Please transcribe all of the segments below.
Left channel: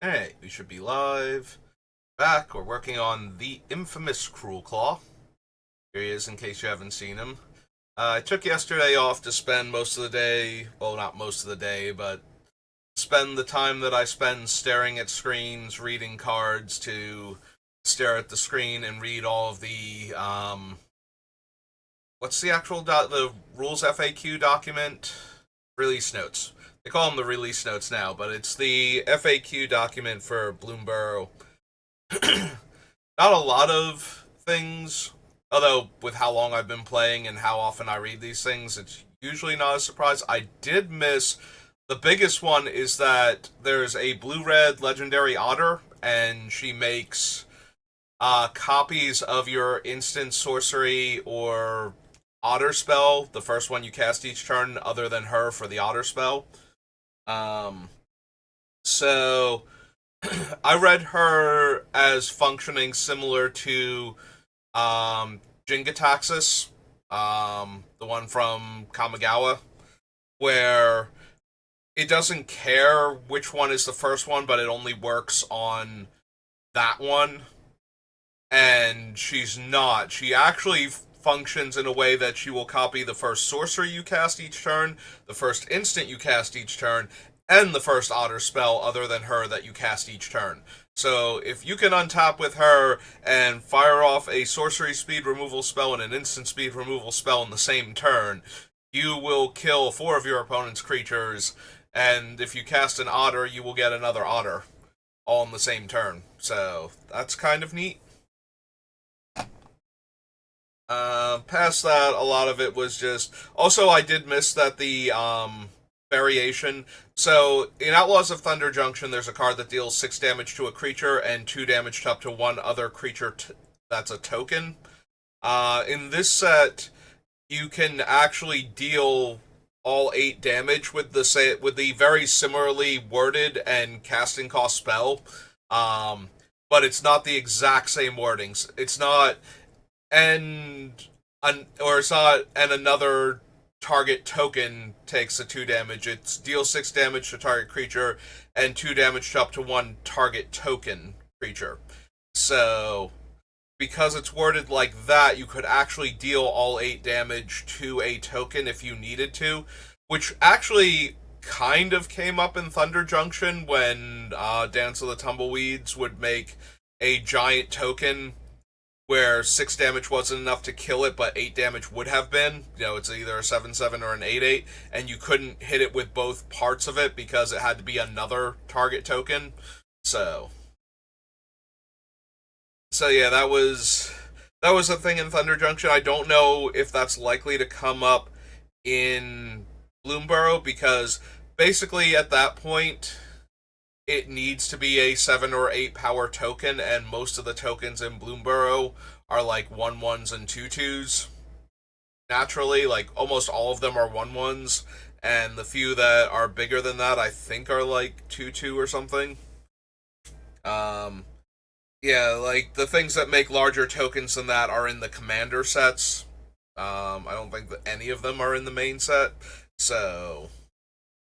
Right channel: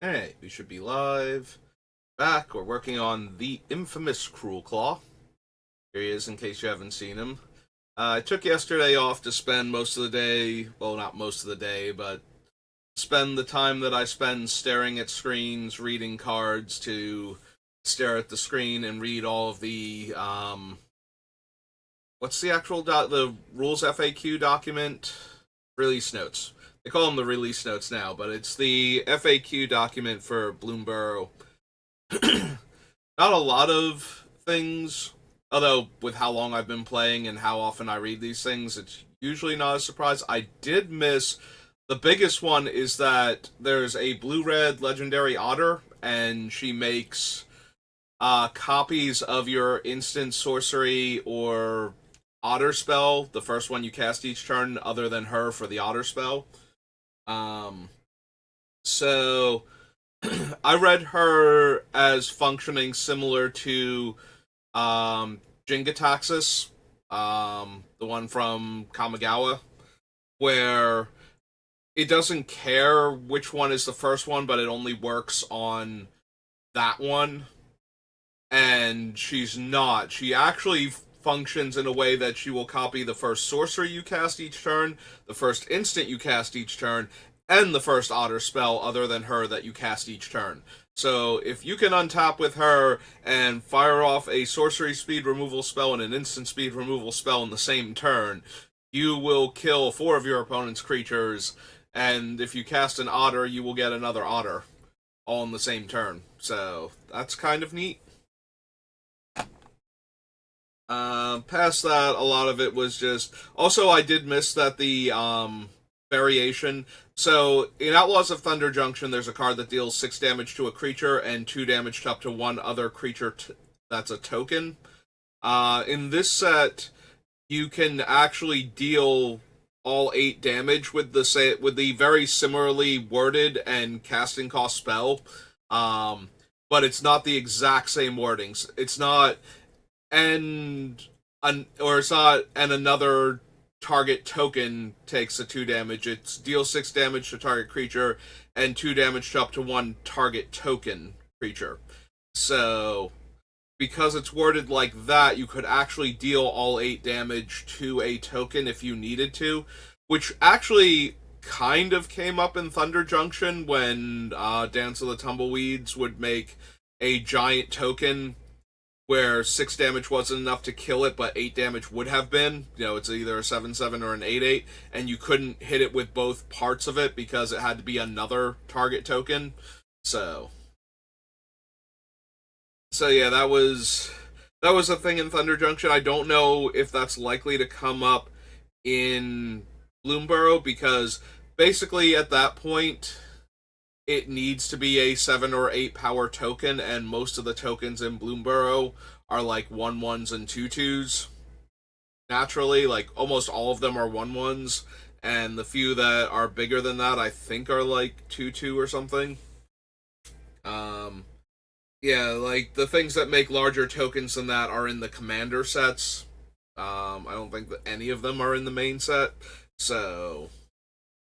Hey, we should be live. Back, we're working on the infamous Cruelclaw. Here he is in case you haven't seen him. I took yesterday off to spend most of the day, well, not most of the day, but spend the time that I spend staring at screens, reading cards, to stare at the screen and read all of the, what's the actual, the rules FAQ document? Release notes. They call them the release notes now, but it's the FAQ document for Bloomborough. Not a lot of things, although with how long I've been playing and how often I read these things, it's usually not a surprise. I did miss the biggest one is that there's a blue-red legendary otter, and she makes copies of your instant sorcery or otter spell, the first one you cast each turn, other than her for the otter spell. Um, so I read her as functioning similar to Jingataxis, the one from Kamigawa, where it doesn't care which one is the first one, but it only works on that one. And she's not. She actually functions in a way that she will copy the first sorcery you cast each turn, the first instant you cast each turn, and the first otter spell other than her that you cast each turn. So if you can untap with her and fire off a sorcery speed removal spell and an instant speed removal spell in the same turn, you will kill 4 of your opponent's creatures, and if you cast an otter, you will get another otter, all in the same turn. So that's kind of neat. Past that, a lot of it was just. Also, I did miss that the variation. So, in Outlaws of Thunder Junction, there's a card that deals 6 damage to a creature and 2 damage to up to one other creature that's a token. In this set, you can actually deal all 8 damage with the very similarly worded and casting cost spell. But it's not the exact same wordings. It's not it's not and another target token takes a 2 damage. It's deal 6 damage to target creature and 2 damage to up to one target token creature. So because it's worded like that, you could actually deal all 8 damage to a token if you needed to, which actually kind of came up in Thunder Junction when Dance of the Tumbleweeds would make a giant token where 6 damage wasn't enough to kill it, but 8 damage would have been. You know, it's either a 7/7 or an 8/8, and you couldn't hit it with both parts of it because it had to be another target token. So, yeah, that was a thing in Thunder Junction. I don't know if that's likely to come up in Bloomborough because basically at that point it needs to be a 7 or 8 power token, and most of the tokens in Bloomborough are like 1/1s and 2/2s. Naturally, like almost all of them are 1/1s, and the few that are bigger than that I think are like 2/2 or something. Um, yeah, like the things that make larger tokens than that are in the commander sets. I don't think that any of them are in the main set, so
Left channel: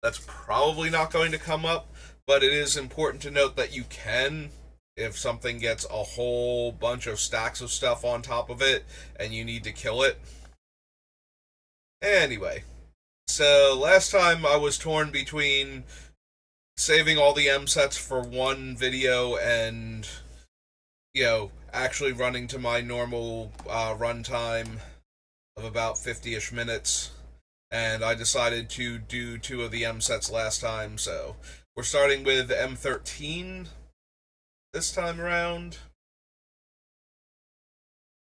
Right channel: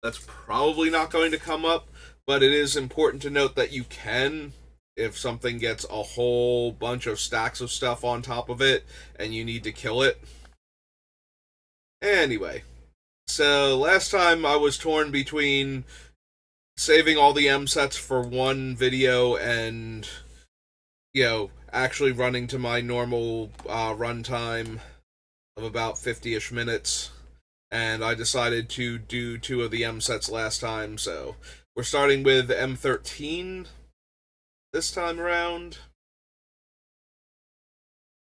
that's probably not going to come up, but it is important to note that you can, if something gets a whole bunch of stacks of stuff on top of it and you need to kill it. Anyway, so last time I was torn between saving all the M sets for one video and, actually running to my normal runtime of about 50-ish minutes, and I decided to do 2 of the M sets last time, so we're starting with M13 this time around.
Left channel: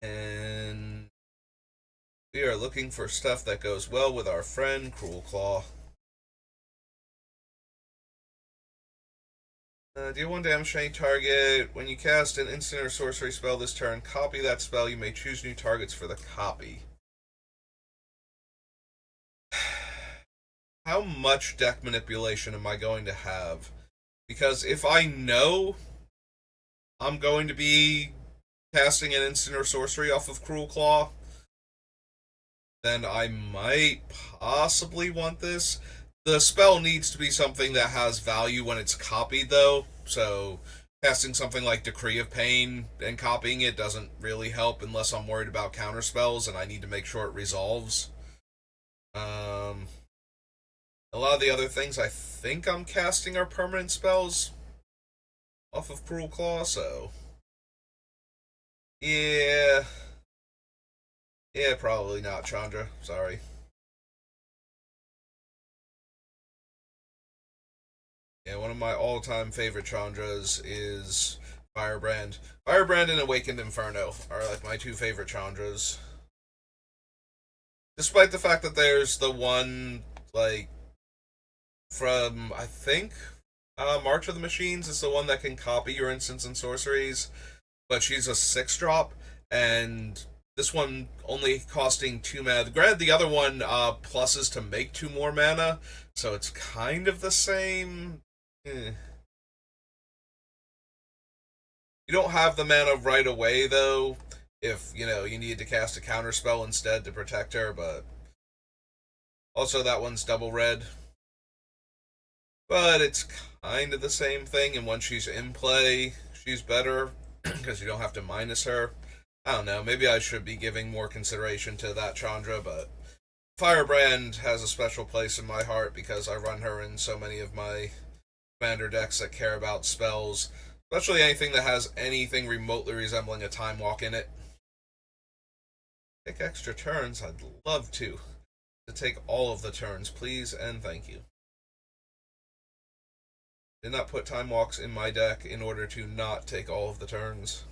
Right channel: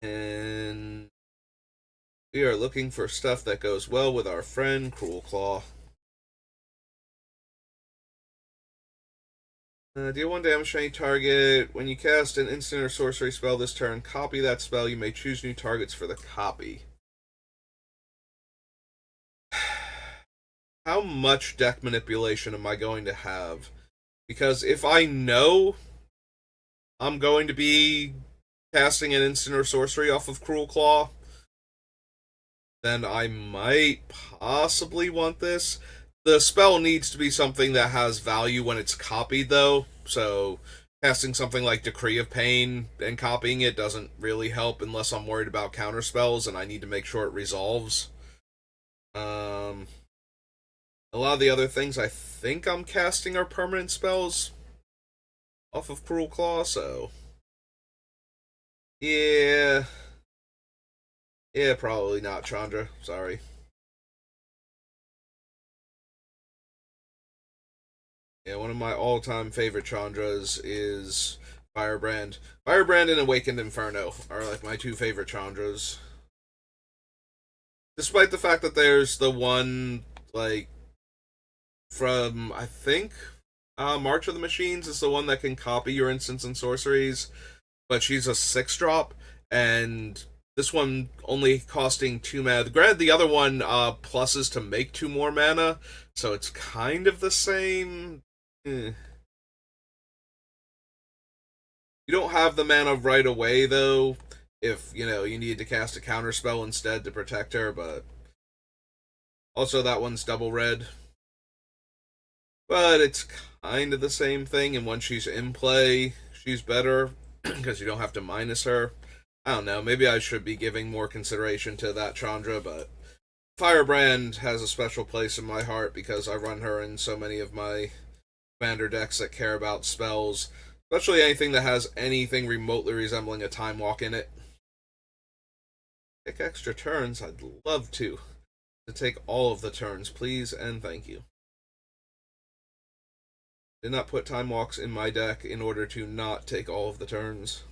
And we are looking for stuff that goes well with our friend Cruelclaw. Deal 1 damage to any target. When you cast an instant or sorcery spell this turn, copy that spell. You may choose new targets for the copy. How much deck manipulation am I going to have? Because if I know I'm going to be casting an instant or sorcery off of Cruelclaw, then I might possibly want this. The spell needs to be something that has value when it's copied, though. So casting something like Decree of Pain and copying it doesn't really help unless I'm worried about counter spells and I need to make sure it resolves. Um, a lot of the other things I think I'm casting are permanent spells off of Cruelclaw, so yeah, yeah, probably not Chandra. Sorry. Yeah, one of my all-time favorite Chandras is Firebrand. Firebrand and Awakened Inferno are like my two favorite Chandras. Despite the fact that there's the one like from I think March of the Machines is the one that can copy your instants and sorceries, but she's a 6 drop, and this one only costing 2 mana. Granted, the other one pluses to make 2 more mana, so it's kind of the same. Eh. You don't have the mana right away though. If you need to cast a counter spell instead to protect her, but also that one's double red. But it's kind of the same thing, and when she's in play, she's better because you don't have to minus her. I don't know. Maybe I should be giving more consideration to that Chandra, but Firebrand has a special place in my heart because I run her in so many of my commander decks that care about spells, especially anything that has anything remotely resembling a time walk in it. Take extra turns. I'd love to take all of the turns, please and thank you. Did not put time walks in my deck in order to not take all of the turns.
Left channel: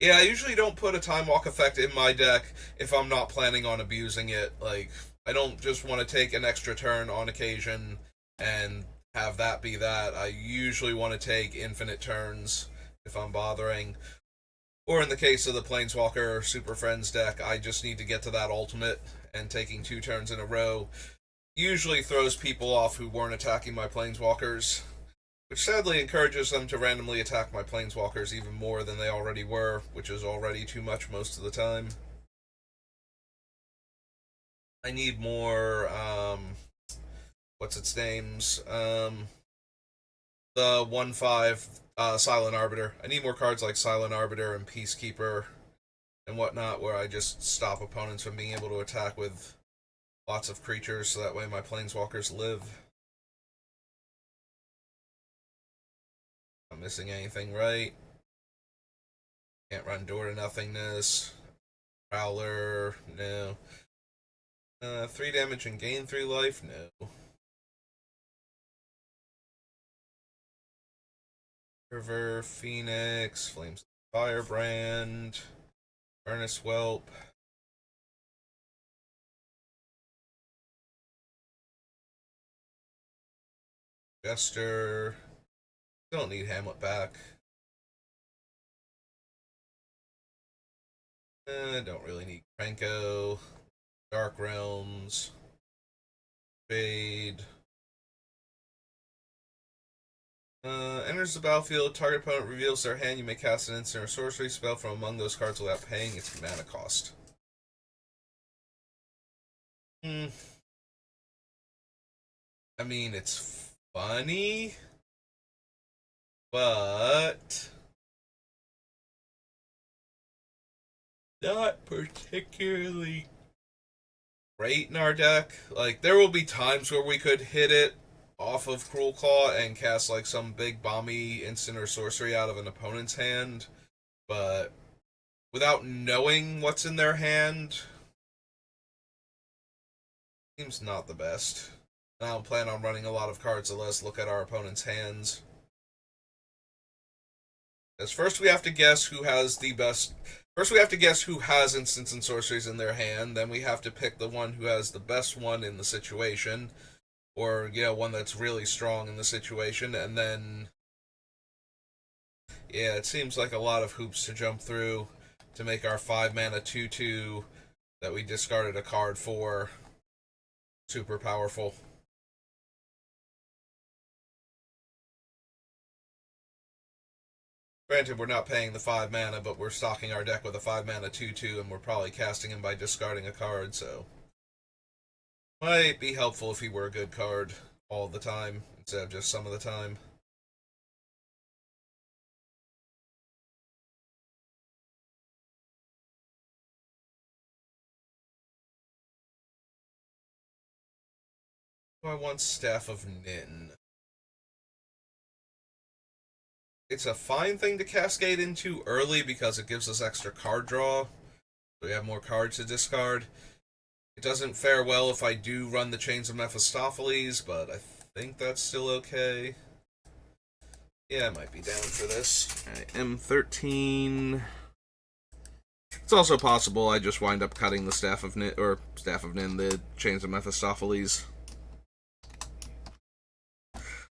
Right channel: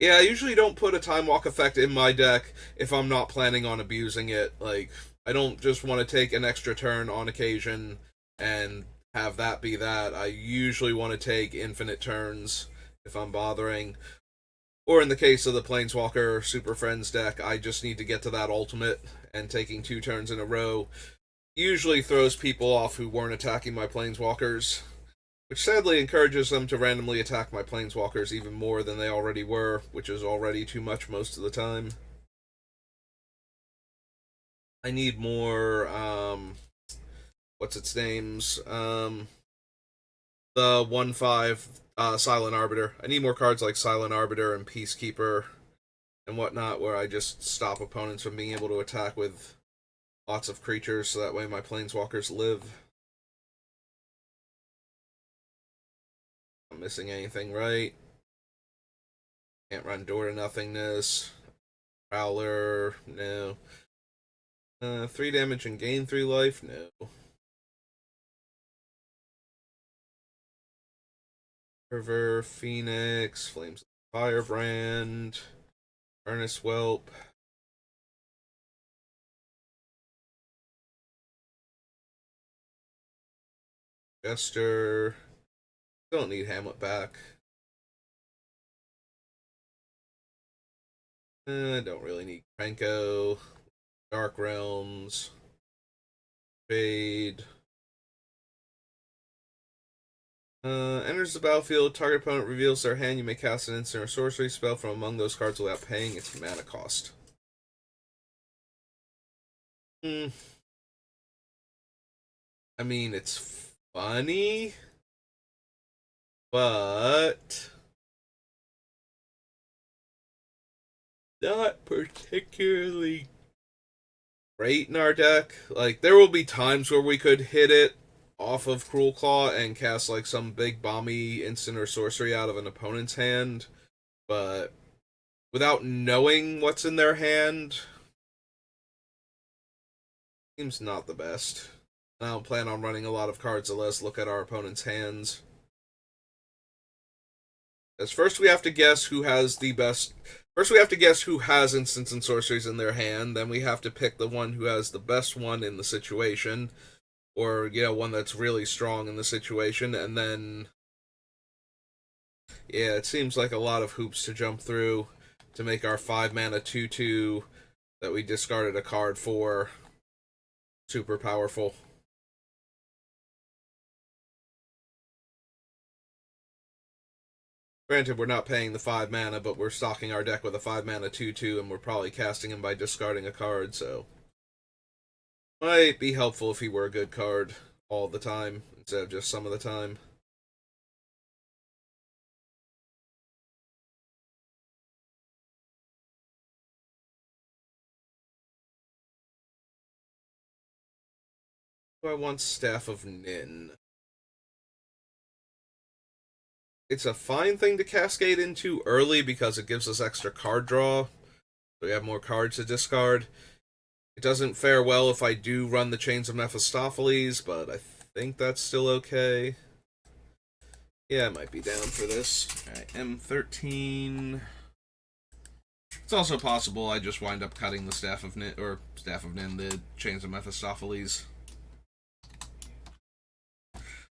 Yeah, I usually don't put a time walk effect in my deck if I'm not planning on abusing it. Like, I don't just want to take an extra turn on occasion and have that be that. I usually want to take infinite turns if I'm bothering. Or in the case of the Planeswalker Super Friends deck, I just need to get to that ultimate, and taking 2 turns in a row usually throws people off who weren't attacking my Planeswalkers, which sadly encourages them to randomly attack my Planeswalkers even more than they already were, which is already too much most of the time. I need more, what's its names? The 1/5 Silent Arbiter. I need more cards like Silent Arbiter and Peacekeeper and whatnot, where I just stop opponents from being able to attack with lots of creatures, so that way my Planeswalkers live. I'm missing anything, right? Can't run Door to Nothingness. Prowler, no. 3 damage and gain 3 life, no. River, Phoenix, Flames of Firebrand, Furnace Whelp. Jester. Don't need Hamlet back. Don't really need Krenko. Dark Realms. Fade. Enters the battlefield. Target opponent reveals their hand. You may cast an instant or sorcery spell from among those cards without paying its mana cost. I mean, it's funny, but not particularly great in our deck. Like, there will be times where we could hit it off of Cruelclaw and cast like some big bomby instant or sorcery out of an opponent's hand, but without knowing what's in their hand, seems not the best. I don't plan on running a lot of cards that let us look at our opponent's hands. As first we have to guess who has the best. First we have to guess who has instants and sorceries in their hand. Then we have to pick the one who has the best one in the situation, or one that's really strong in the situation. And then, yeah, it seems like a lot of hoops to jump through to make our 5 mana 2/2 that we discarded a card for super powerful. Granted, we're not paying the 5 mana, but we're stocking our deck with a 5 mana 2/2, and we're probably casting him by discarding a card, so Might be helpful if he were a good card all the time instead of just some of the time. I want Staff of Nin. It's a fine thing to cascade into early because it gives us extra card draw. So we have more cards to discard. It doesn't fare well if I do run the Chains of Mephistopheles, but I think that's still okay. Yeah, I might be down for this. Alright, M13. It's also possible I just wind up cutting the Staff of Nin, the Chains of Mephistopheles.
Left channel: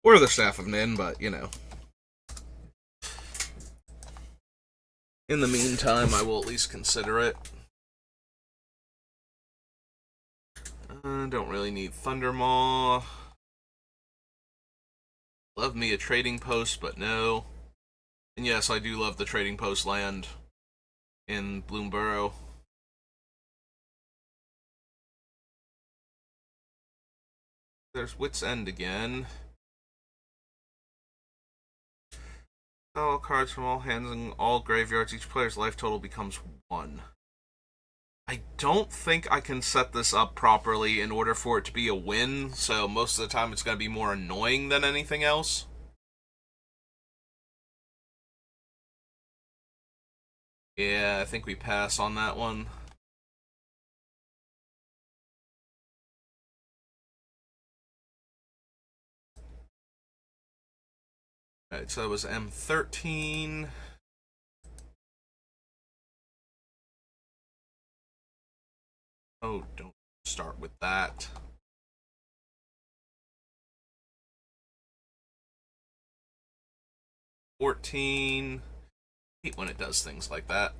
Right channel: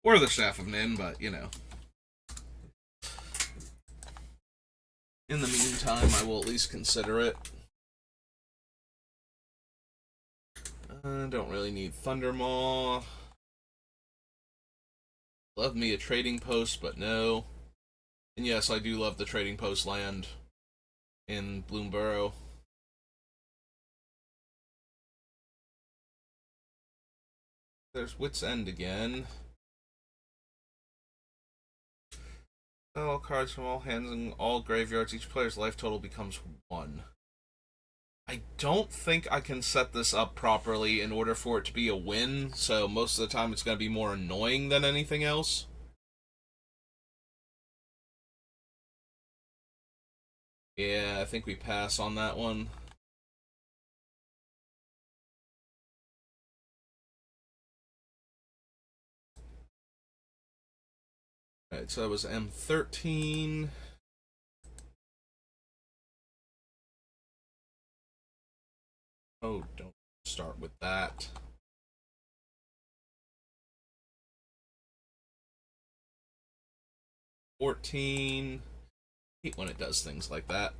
Or the Staff of Nin, but, you know. In the meantime, I will at least consider it. Don't really need Thundermaw. Love me a trading post, but no. And yes, I do love the trading post land in Bloomborough. There's Wit's End again. All cards from all hands and all graveyards. Each player's life total becomes 1. I don't think I can set this up properly in order for it to be a win, so most of the time it's going to be more annoying than anything else. Yeah, I think we pass on that one. Alright, so that was M13. Oh, don't start with that. $14. Hate when it does things like that.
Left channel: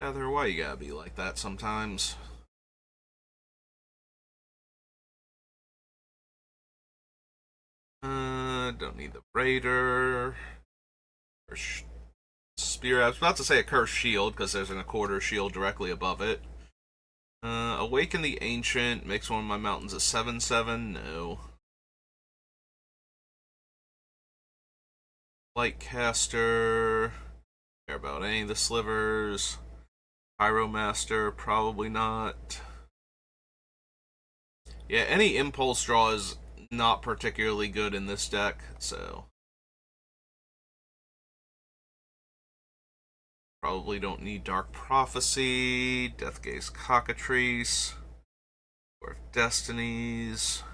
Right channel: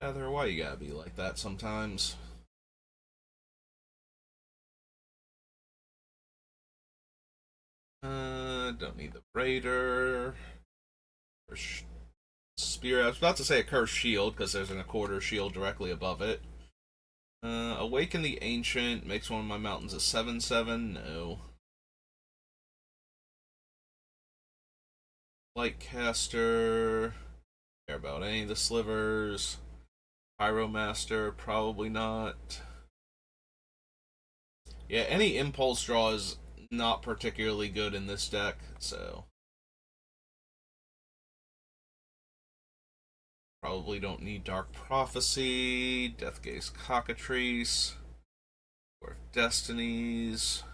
Heather, why you gotta be like that sometimes? Don't need the Raider. Or Spear. I was about to say a Cursed Shield because there's an a quarter shield directly above it. Awaken the Ancient makes one of my mountains a 7/7. No. Lightcaster. Care about any of the slivers. Pyromaster, probably not. Yeah, any impulse draw is not particularly good in this deck, so probably don't need Dark Prophecy, Deathgaze Cockatrice, or Destinies.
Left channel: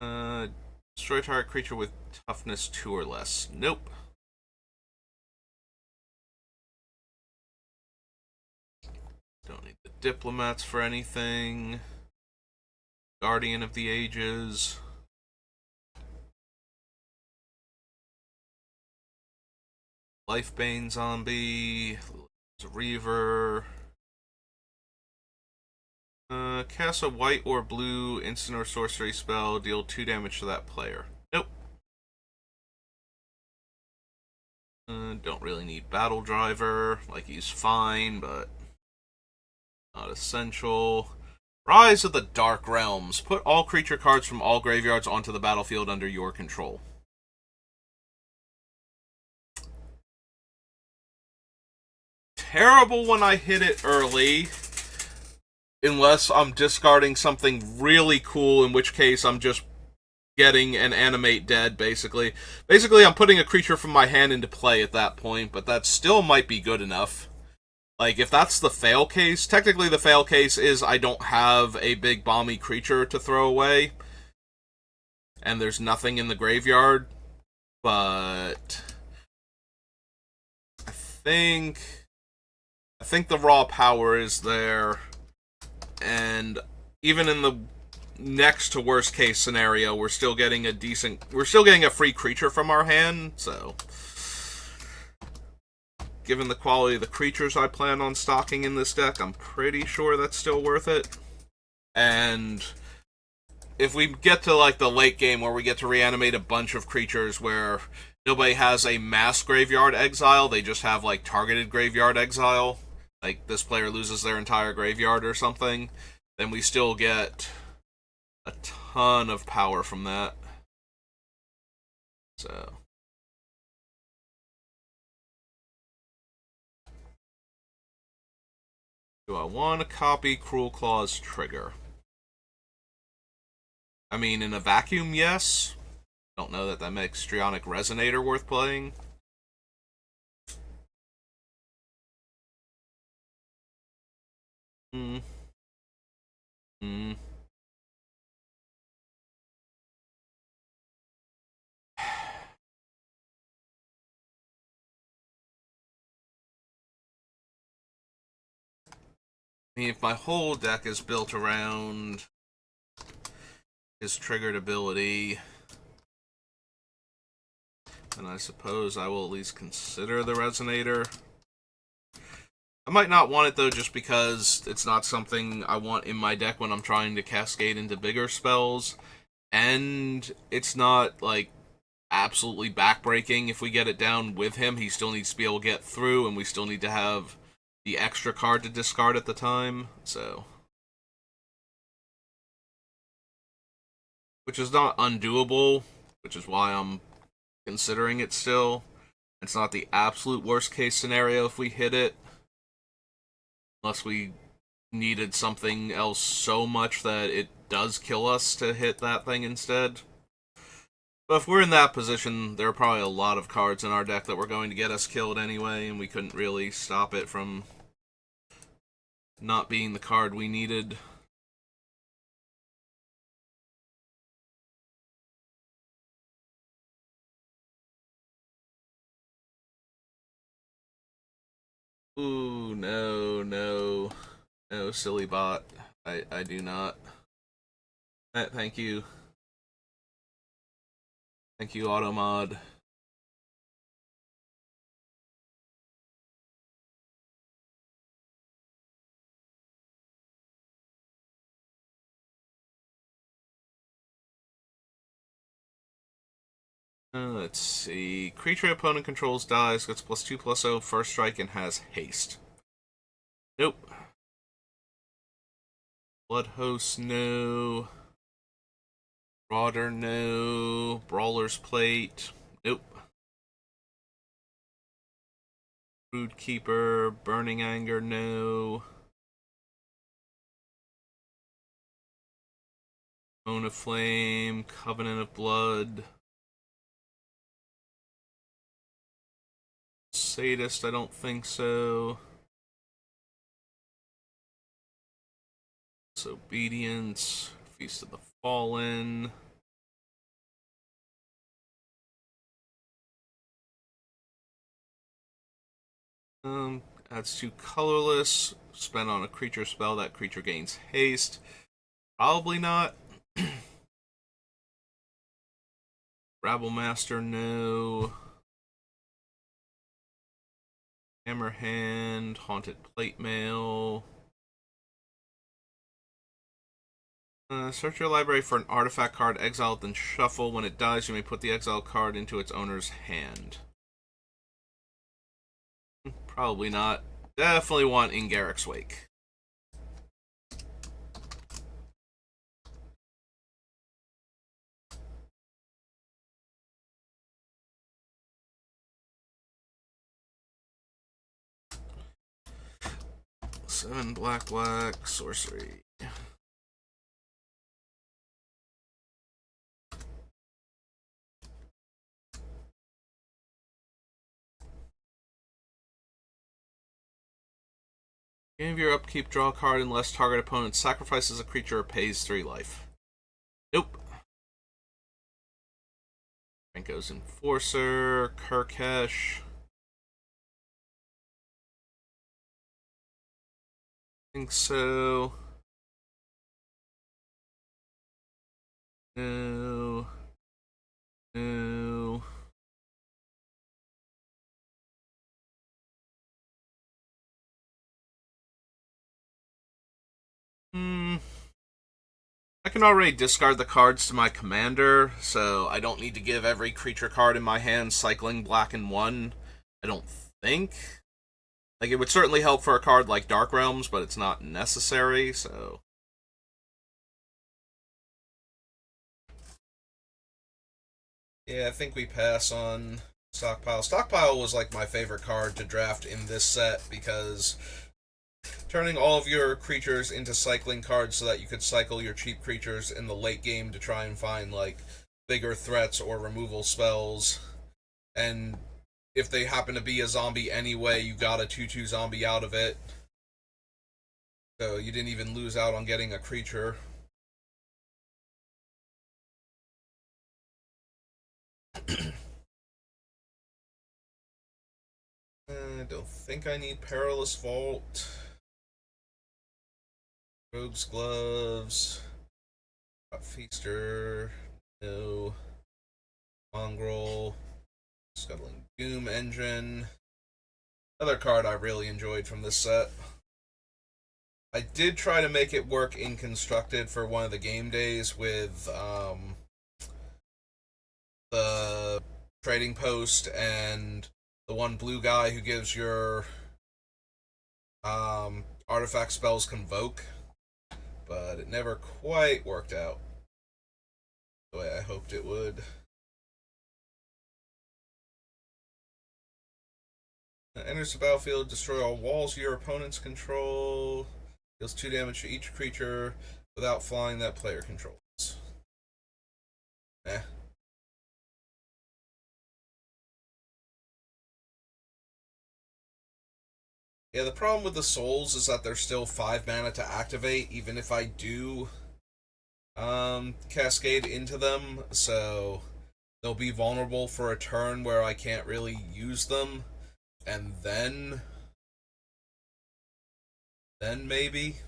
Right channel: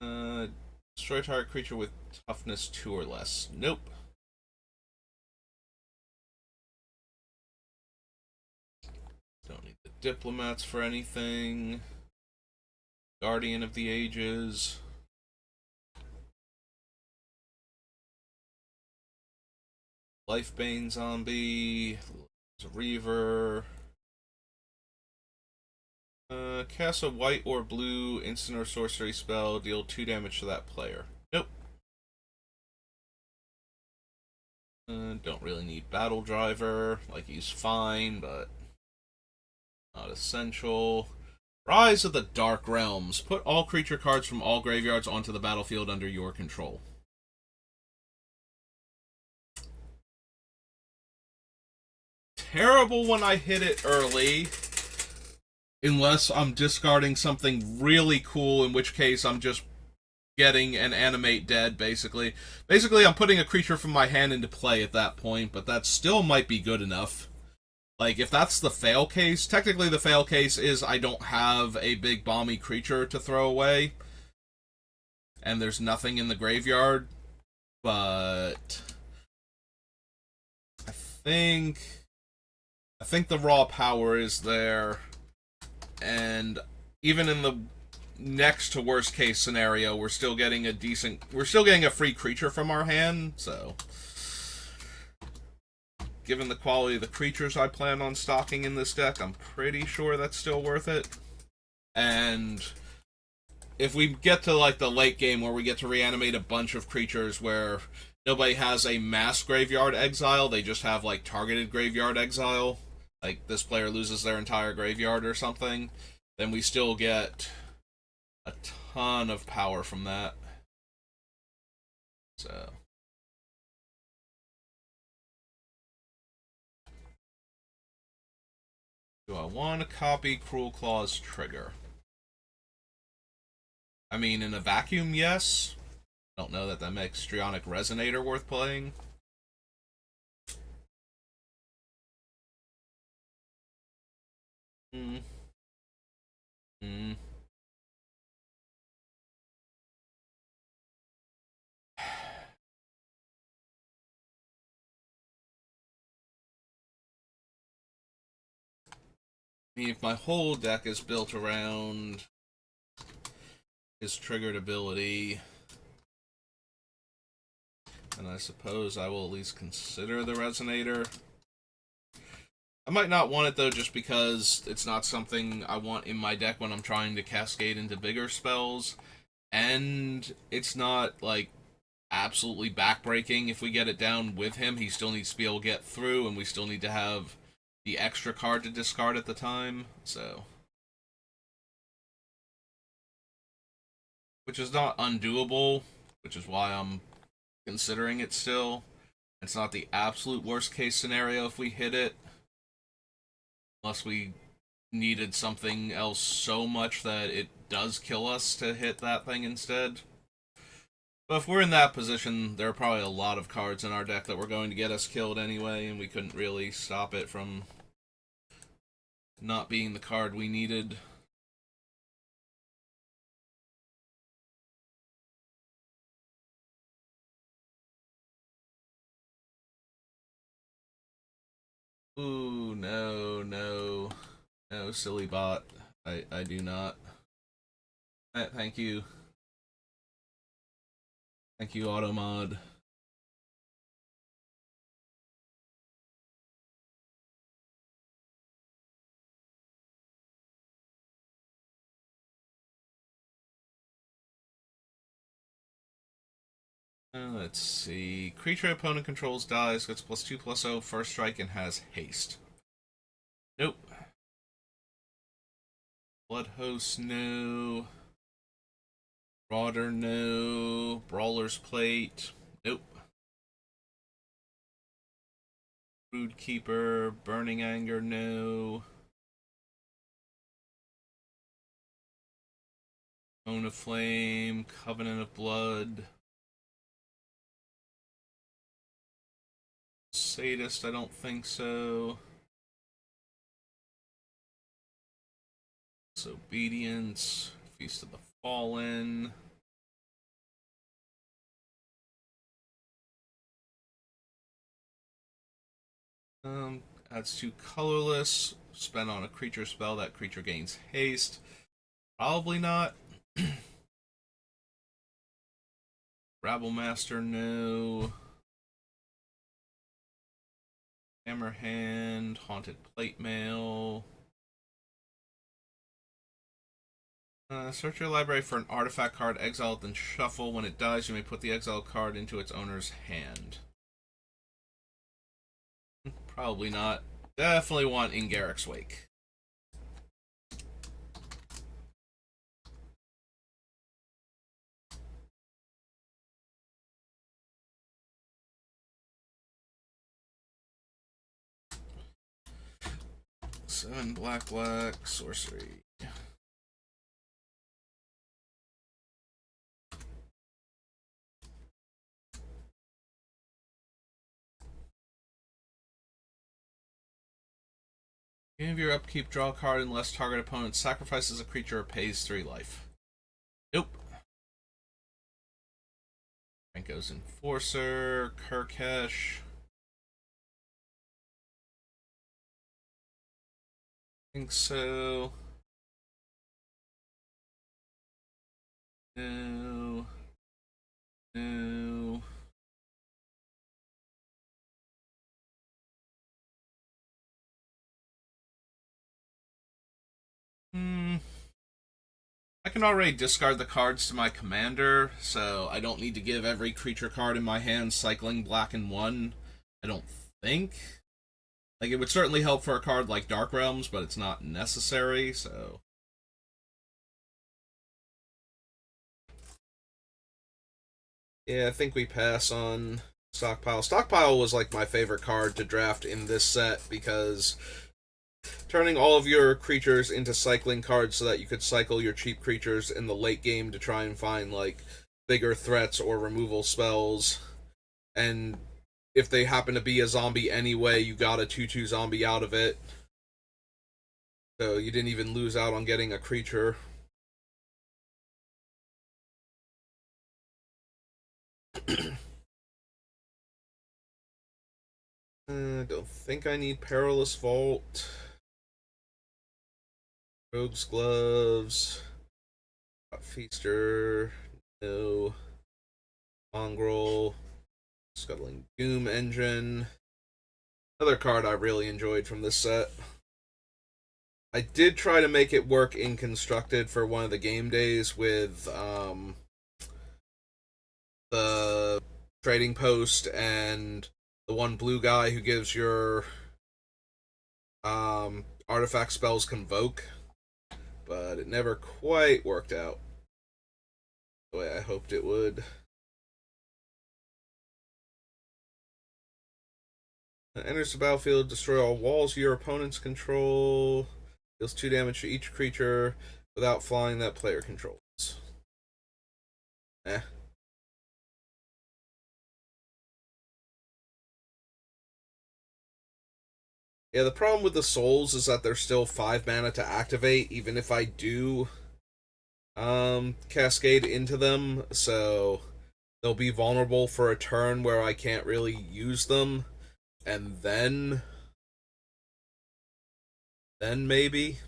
Destroy target creature with toughness 2 or less. Nope. Don't need the Diplomats for anything. Guardian of the Ages. Lifebane Zombie. Reaver. Cast a white or blue instant or sorcery spell. Deal 2 damage to that player. Nope. Don't really need Battle Driver. Like, he's fine, but not essential. Rise of the Dark Realms. Put all creature cards from all graveyards onto the battlefield under your control. Terrible when I hit it early. Unless I'm discarding something really cool, in which case I'm just getting an Animate Dead, basically. Basically, I'm putting a creature from my hand into play at that point, but that still might be good enough. Like, if that's the fail case, technically the fail case is I don't have a big bomby creature to throw away, and there's nothing in the graveyard, but I think the raw power is there, and even in the next to worst case scenario, we're still getting a free creature from our hand, so given the quality of the creatures I plan on stocking in this deck, I'm pretty sure that's still worth it. And if we get to like the late game where we get to reanimate a bunch of creatures where nobody has a mass graveyard exile. They just have like targeted graveyard exile. Like this player loses their entire graveyard or something, then we still get a ton of power from that. So do I want to copy Cruelclaw's trigger? I mean, in a vacuum, yes. Don't know that that makes Strionic Resonator worth playing. Hmm. Hmm. I mean, if my whole deck is built around his triggered ability, then I suppose I will at least consider the Resonator. I might not want it though, just because it's not something I want in my deck when I'm trying to cascade into bigger spells, and it's not like absolutely backbreaking. If we get it down with him, he still needs to be able to get through, and we still need to have the extra card to discard at the time. So, which is not undoable, which is why I'm considering it still. It's not the absolute worst case scenario if we hit it, unless we needed something else so much that it does kill us to hit that thing instead. But if we're in that position, there are probably a lot of cards in our deck that were going to get us killed anyway, and we couldn't really stop it from not being the card we needed. Ooh, no, no. No, silly bot. I do not. Thank you. Thank you, Automod. Let's see. Creature opponent controls dies, gets +2/+0, first strike, and has haste. Nope. Blood Host, no. Rauder, no. Brawler's Plate, nope. Brood Keeper, Burning Anger, no. Moan of Flame, Covenant of Blood. Sadist, I don't think so. Disobedience, Feast of the Fallen. Adds 2 colorless. Spend on a creature spell. That creature gains haste. Probably not. Rabble Master, no. Hammerhand, Haunted Plate Mail. Search your library for an artifact card, exile it, then shuffle. When it dies, you may put the exiled card into its owner's hand. Probably not. Definitely want in Garrick's Wake. Seven black, sorcery. Beginning of your upkeep, draw a card unless target opponent sacrifices a creature or pays 3 life. Nope. Franco's Enforcer, Kirkesh. I think so. No. No. Hmm. I can already discard the cards to my commander, so I don't need to give every creature card in my hand cycling black and one. I don't think. Like, it would certainly help for a card like Dark Realms, but it's not necessary, so. Yeah, I think we pass on Stockpile. Stockpile was like my favorite card to draft in this set because turning all of your creatures into cycling cards so that you could cycle your cheap creatures in the late game to try and find like bigger threats or removal spells. And if they happen to be a zombie anyway, you got a 2/2 zombie out of it. So you didn't even lose out on getting a creature. I don't think I need Perilous Vault. Rogue's Gloves. Feaster. No. Mongrel. Scuttling Doom Engine. Another card I really enjoyed from this set. I did try to make it work in Constructed for one of the game days with the trading post and the one blue guy who gives your artifact spells Convoke, but it never quite worked out the way I hoped it would. Enters the battlefield, destroy all walls your opponents control, deals 2 damage to each creature without flying that player controls. Eh. Yeah, the problem with the souls is that they're still 5 mana to activate, even if I do cascade into them, so they'll be vulnerable for a turn where I can't really use them, and then maybe.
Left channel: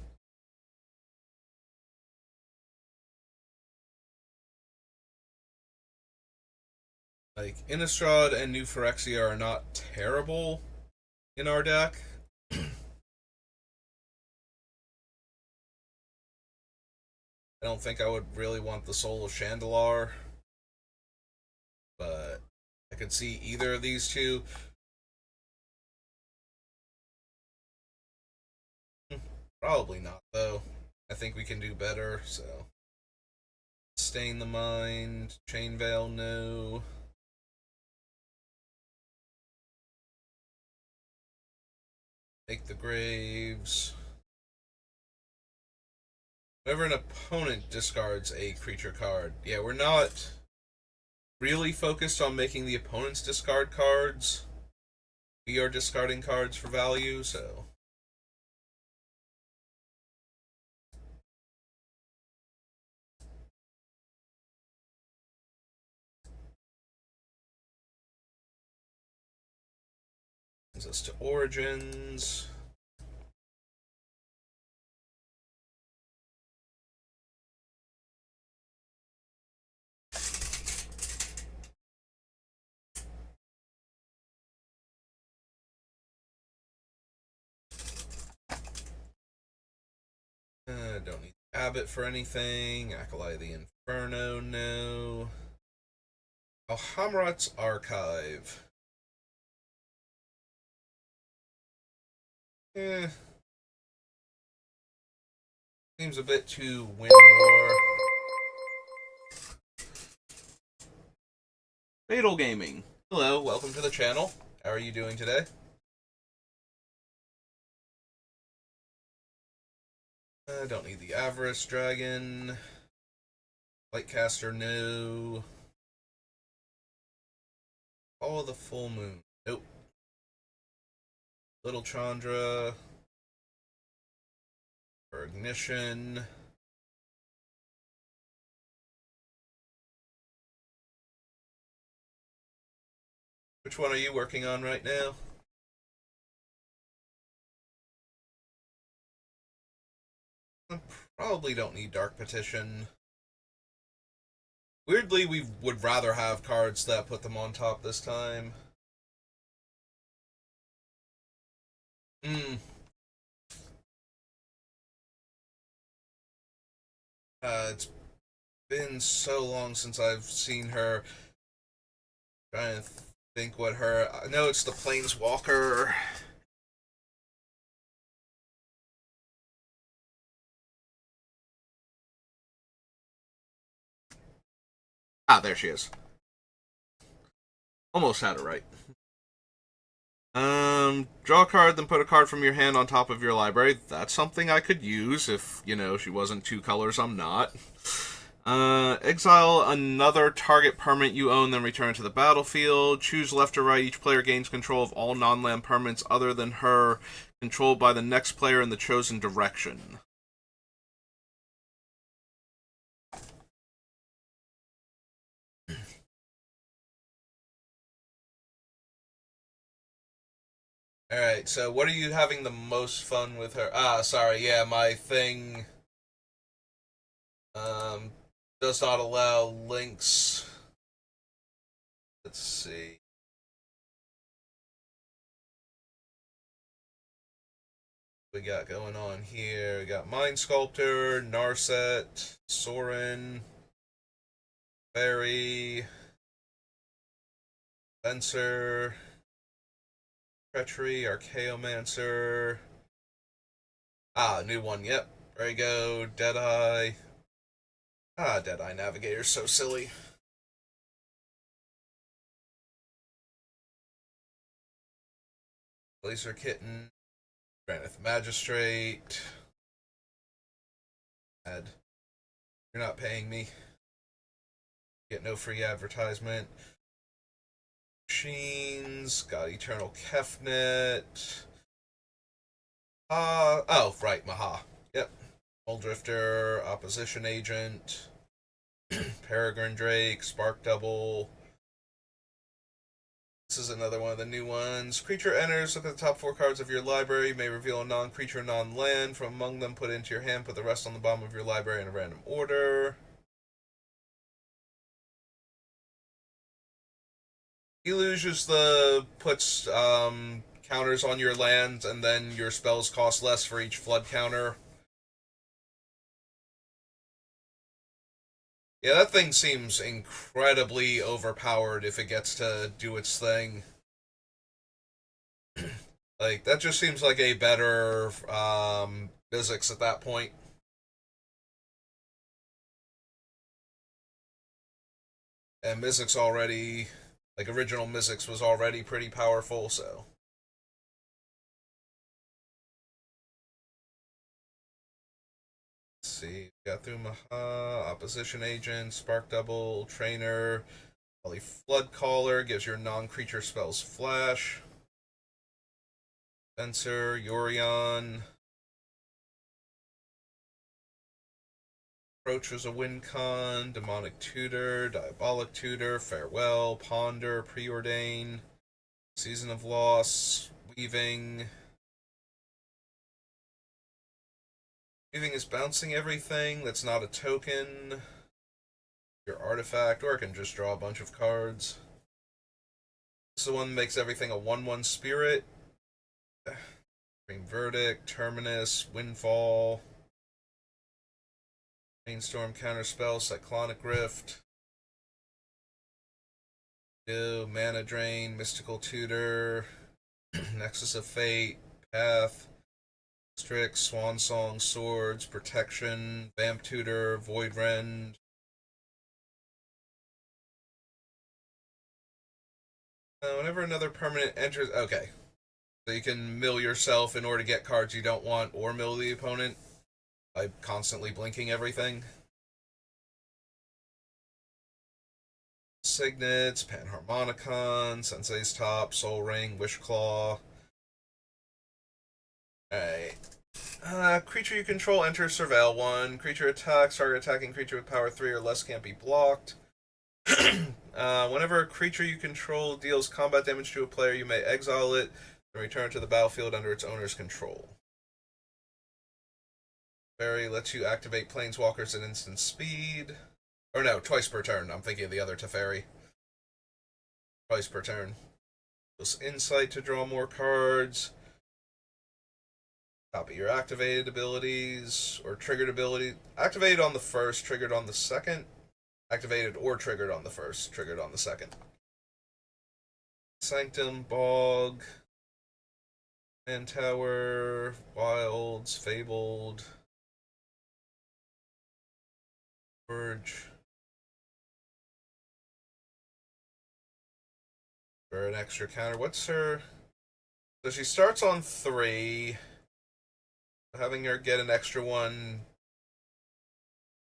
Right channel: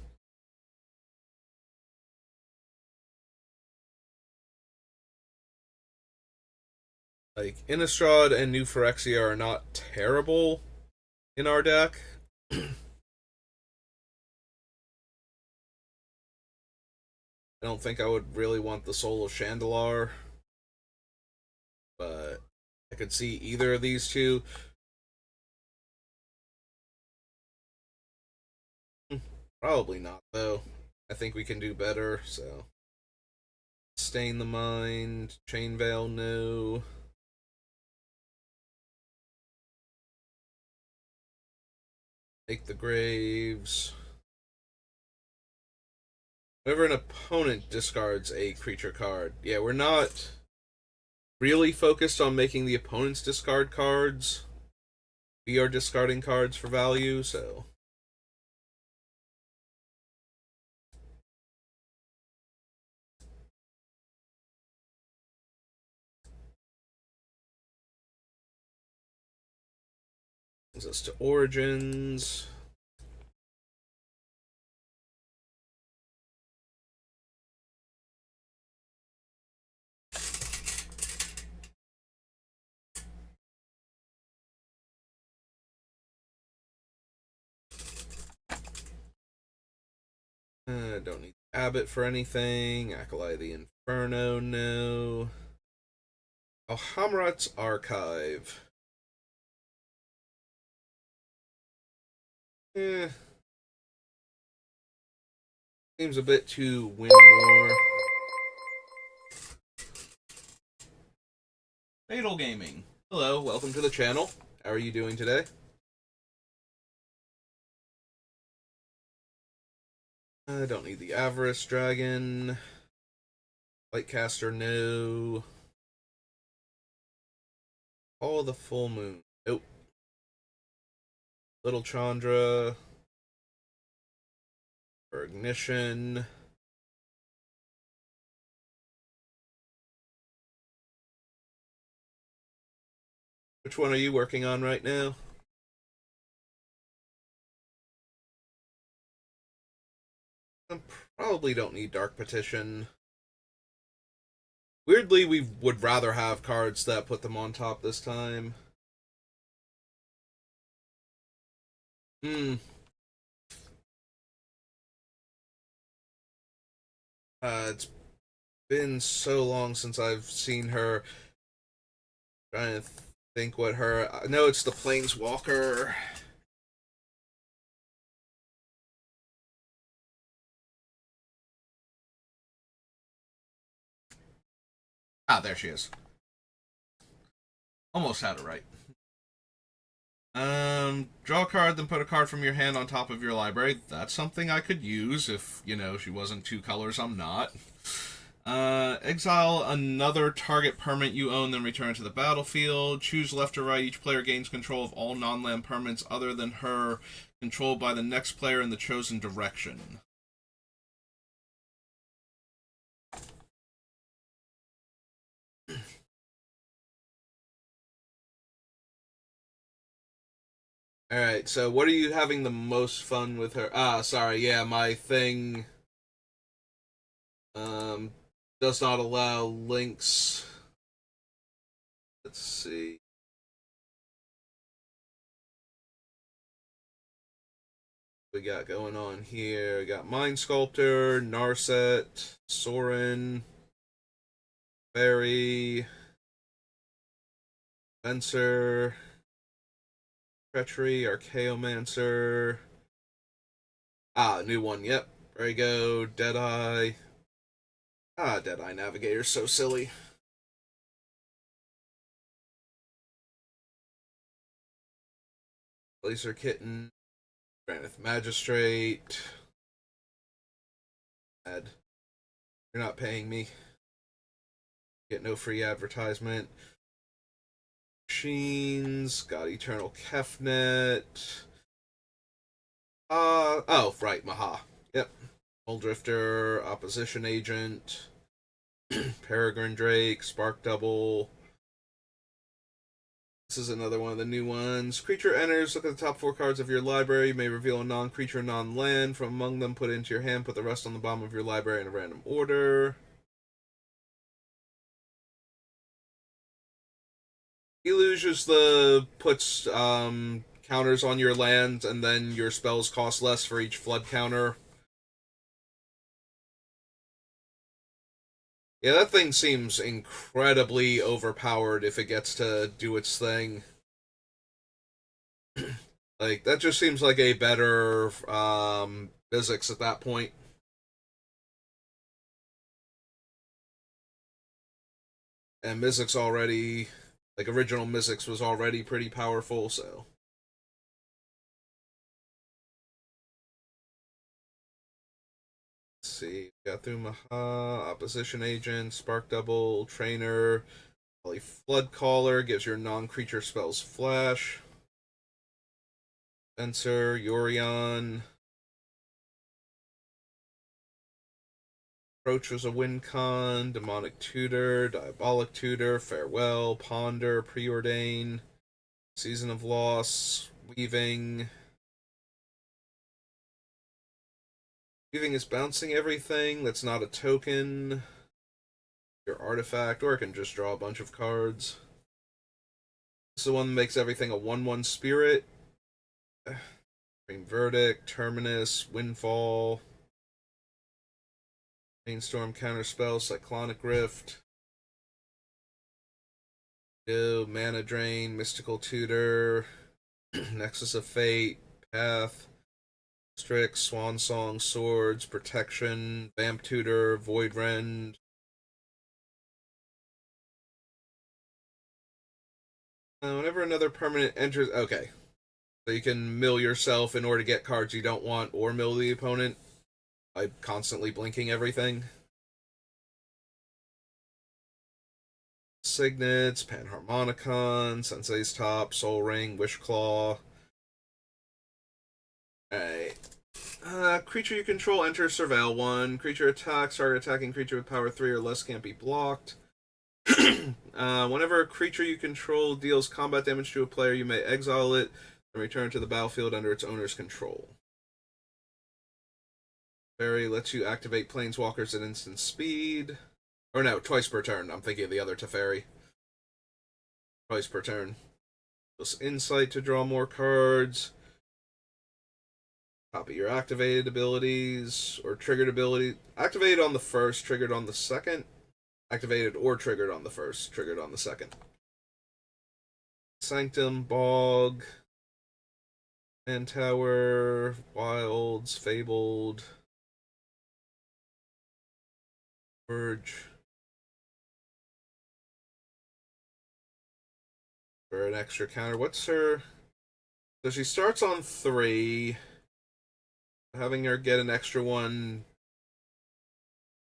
Like, Innistrad and New Phyrexia are not terrible in our deck. I don't think I would really want the Soul of Chandalar, but I could see either of these two. Probably not, though. I think we can do better, so. Stain the Mind, Chain Veil, no. Take the Graves. Whenever an opponent discards a creature card. Yeah, we're not really focused on making the opponents discard cards. We are discarding cards for value, so. Brings us to Origins. Don't need Abbott for anything. Acolyte the Inferno, no. Alhamrat's Archive. Eh. Seems a bit too win more. Fatal Gaming. Hello, welcome to the channel. How are you doing today? I don't need the Avarice Dragon. Lightcaster, no. Call of the Full Moon. Nope. Little Chandra. For Ignition. Which one are you working on right now? I probably don't need Dark Petition. Weirdly, we would rather have cards that put them on top this time. Hmm. It's been so long since I've seen her. Trying to think what her. I know it's the Planeswalker. Ah, there she is. Almost had it right. Draw a card, then put a card from your hand on top of your library. That's something I could use if, she wasn't two colors, I'm not. Exile another target permanent you own, then return to the battlefield. Choose left or right. Each player gains control of all non-land permanents other than her, controlled by the next player in the chosen direction. Alright, so what are you having the most fun with her? Ah, sorry, yeah, my thing um, does not allow links. Let's see. We got going on here. We got Mind Sculptor, Narset, Sorin, Fairy, Fencer, Treachery, Archaeomancer. Ah, new one, yep. Drago, Deadeye. Ah, Deadeye Navigator's so silly. Laser Kitten, Granith Magistrate. Ad. You're not paying me. Get no free advertisement. Machines, got Eternal Kefnet. Oh, right, Maha. Yep. Old Drifter, Opposition Agent, Peregrine Drake, Spark Double. This is another one of the new ones. Creature enters, look at the top 4 cards of your library. You may reveal a non-creature, non-land. From among them, put it into your hand. Put the rest on the bottom of your library in a random order. Deluge is puts counters on your lands, and then your spells cost less for each flood counter. Yeah, that thing seems incredibly overpowered if it gets to do its thing. Like, that just seems like a better physics at that point. And Mizzix already, like, original Mizzix was already pretty powerful, so. Let's see. Got through Maha, Opposition Agent, Spark Double, Trainer, Holy Flood Caller, gives your non creature spells flash. Spencer, Yorion. Approach was a win con, Demonic Tutor, Diabolic Tutor, Farewell, Ponder, Preordain, Season of Loss, Weaving. Weaving is bouncing everything, that's not a token. Your artifact, or it can just draw a bunch of cards. This is the one that makes everything a 1/1 spirit. Green Verdict, Terminus, Windfall, Rainstorm Counterspell, Cyclonic Rift. Go, Mana Drain, Mystical Tutor, Nexus of Fate, Path, Strix, Swan Song, Swords, Protection, Vamp Tutor, Void Rend. Whenever another permanent enters. Okay. So you can mill yourself in order to get cards you don't want, or mill the opponent by constantly blinking everything. Signets, Panharmonicon, Sensei's Top, Soul Ring, Wishclaw. Alright. Creature you control enters Surveil 1. Creature attacks. Target attacking creature with power 3 or less can't be blocked. Whenever a creature you control deals combat damage to a player, you may exile it and return to the battlefield under its owner's control. Fairy lets you activate planeswalkers at instant speed. Or no, twice per turn. I'm thinking of the other Teferi. Twice per turn. Plus insight to draw more cards. Copy your activated abilities or triggered ability. Activated on the first, triggered on the second. Activated or triggered on the first, triggered on the second. Sanctum, Bog, Man Tower, Wilds, Fabled, Verge. For an extra counter. What's her. So she starts on 3. Having her get an extra one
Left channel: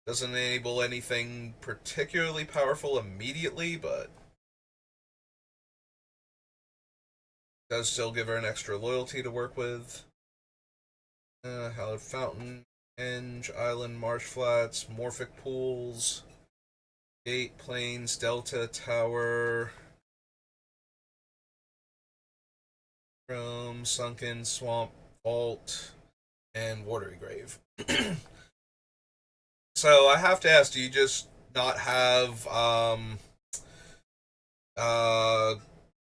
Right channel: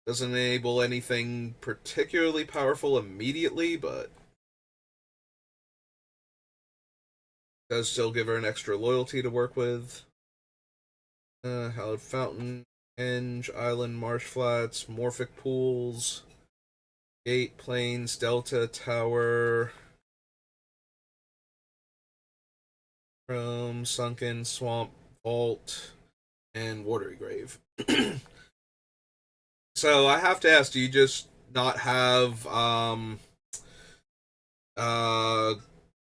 doesn't enable anything particularly powerful immediately, but does still give her an extra loyalty to work with. Hallowed Fountain, Henge, Island, Marsh Flats, Morphic Pools, Gate, Plains, Delta, Tower, Chrome, Sunken, Swamp, Vault, and Watery Grave. So I have to ask, do you just not have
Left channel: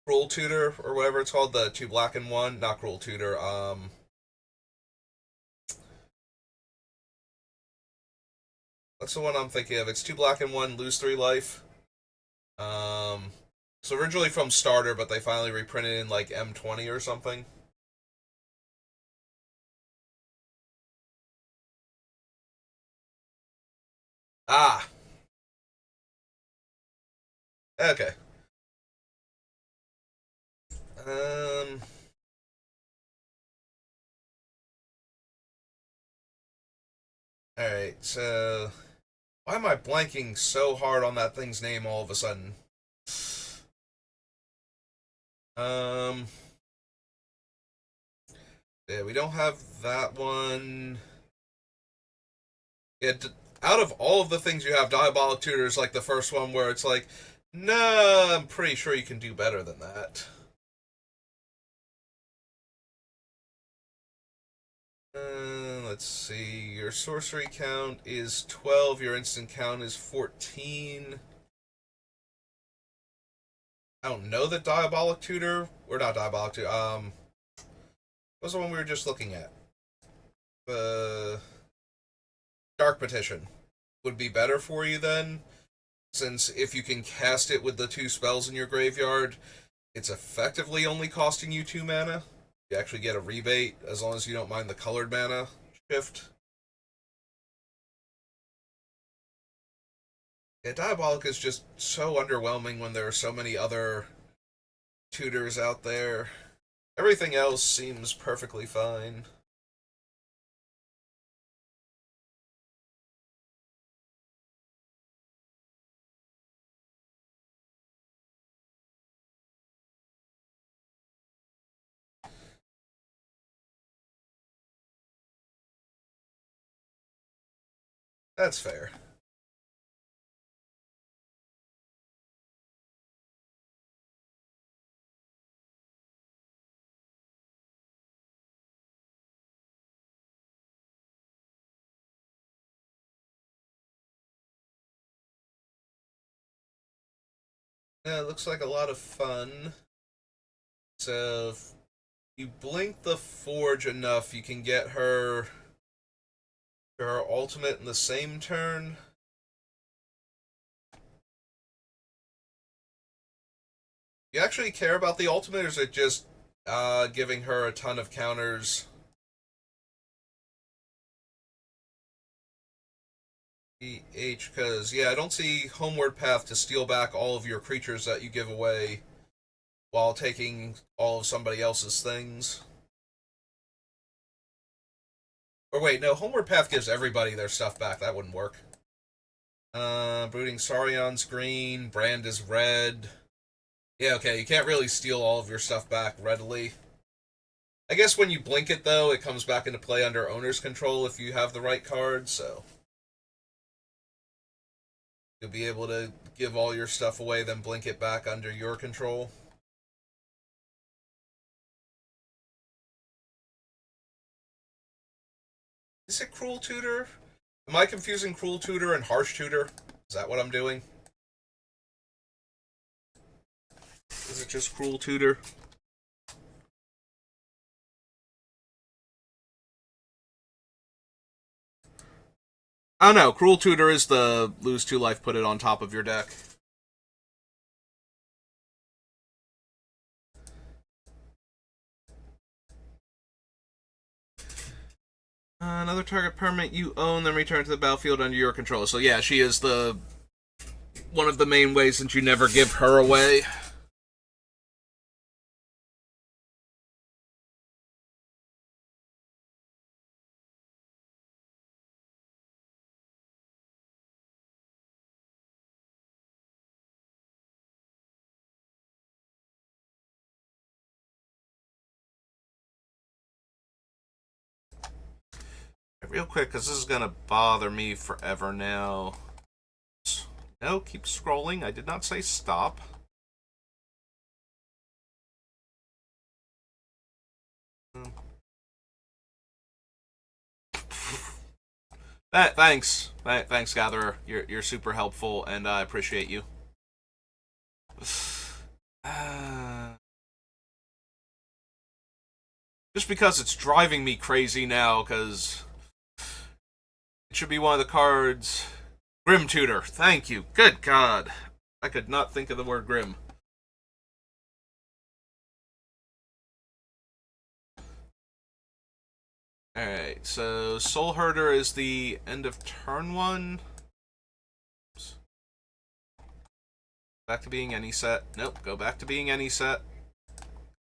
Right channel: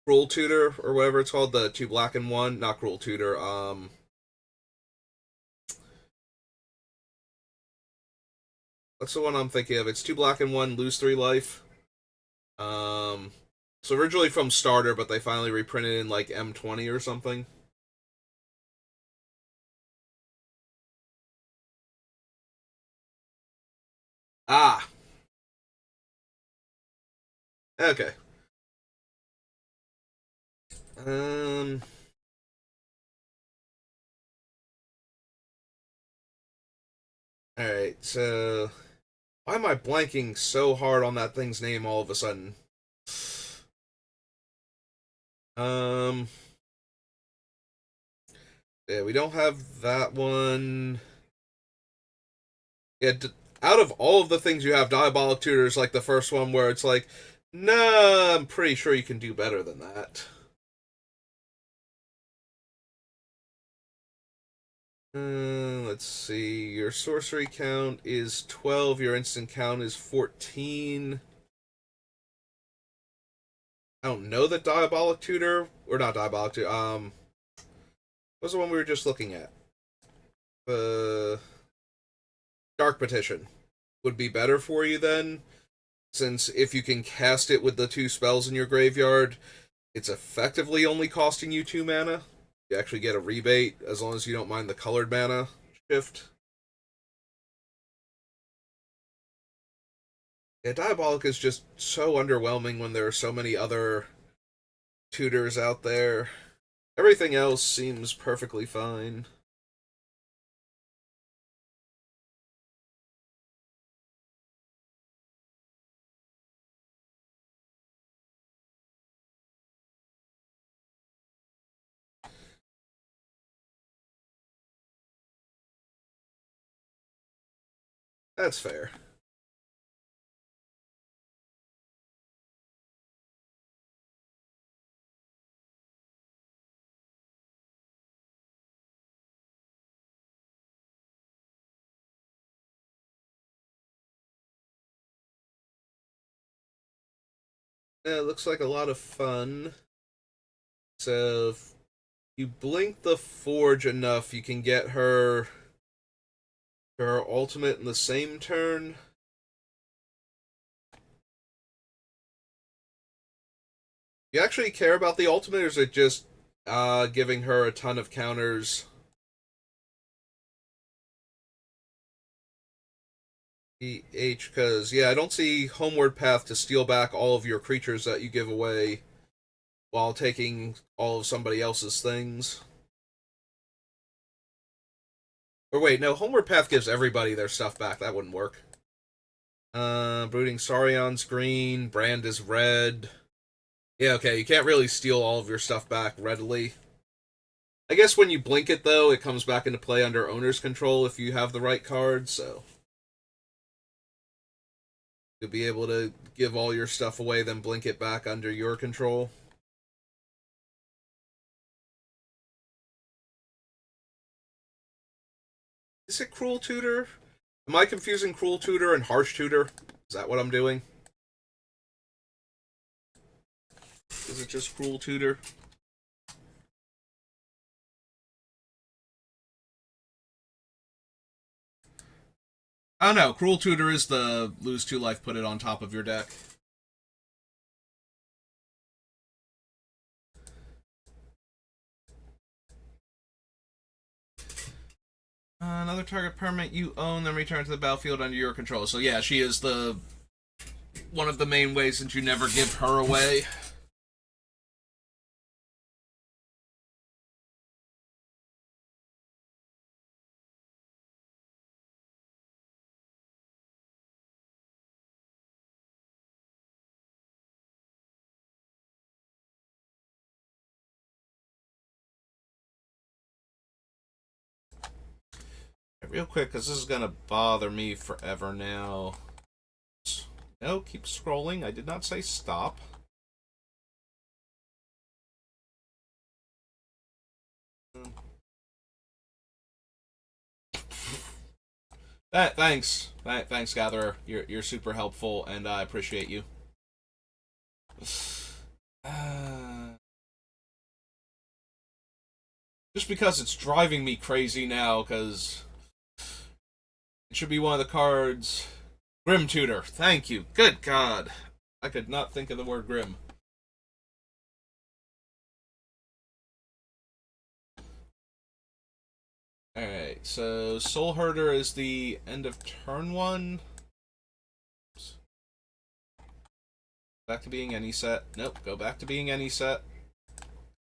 Cruel Tutor or whatever it's called, the 2 black and 1, not Cruel Tutor, what's the one I'm thinking of? It's 2 black and 1, lose 3 life. So originally from starter, but they finally reprinted in like M20 or something. Ah, okay. Um, Alright, so why am I blanking so hard on that thing's name all of a sudden? Um, yeah, we don't have that one. Yeah, out of all of the things you have, Diabolic Tutor is like the first one where it's like, nah, I'm pretty sure you can do better than that. Let's see. Your sorcery count is 12. Your instant count is 14. I don't know that Diabolic Tutor, or not Diabolic Tutor, what was the one we were just looking at? The Dark Petition would be better for you then, since if you can cast it with the 2 spells in your graveyard, it's effectively only costing you 2 mana. You actually get a rebate as long as you don't mind the colored mana shift. Yeah, Diabolic is just so underwhelming when there are so many other tutors out there. Everything else seems perfectly fine. That's fair. Yeah, it looks like a lot of fun. So if you blink the Forge enough, you can get her ultimate in the same turn. You actually care about the ultimate, or is it just giving her a ton of counters? Because, yeah, I don't see Homeward Path to steal back all of your creatures that you give away while taking all of somebody else's things. Or wait, no, Homeward Path gives everybody their stuff back. That wouldn't work. Brooding Saurion's green, Brand is red. Yeah, okay, you can't really steal all of your stuff back readily. I guess when you blink it, though, it comes back into play under owner's control if you have the right cards, so you'll be able to give all your stuff away, then blink it back under your control. Is it Cruel Tutor? Am I confusing Cruel Tutor and Harsh Tutor? Is that what I'm doing? Is it just Cruel Tutor? Oh no, Cruel Tutor is the lose 2 life, put it on top of your deck. Another target permanent you own, then return to the battlefield under your control. So yeah, she is the one of the main ways that you never give her away. Real quick, because this is going to bother me forever now. No, keep scrolling. I did not say stop. Thanks, Gatherer. You're super helpful, and I appreciate you. Just because it's driving me crazy now, because it should be one of the cards. Grim Tutor. Thank you. Good God. I could not think of the word grim. Alright, so Soul Herder is the end of turn 1. Oops. Back to being any set. Nope, go back to being any set.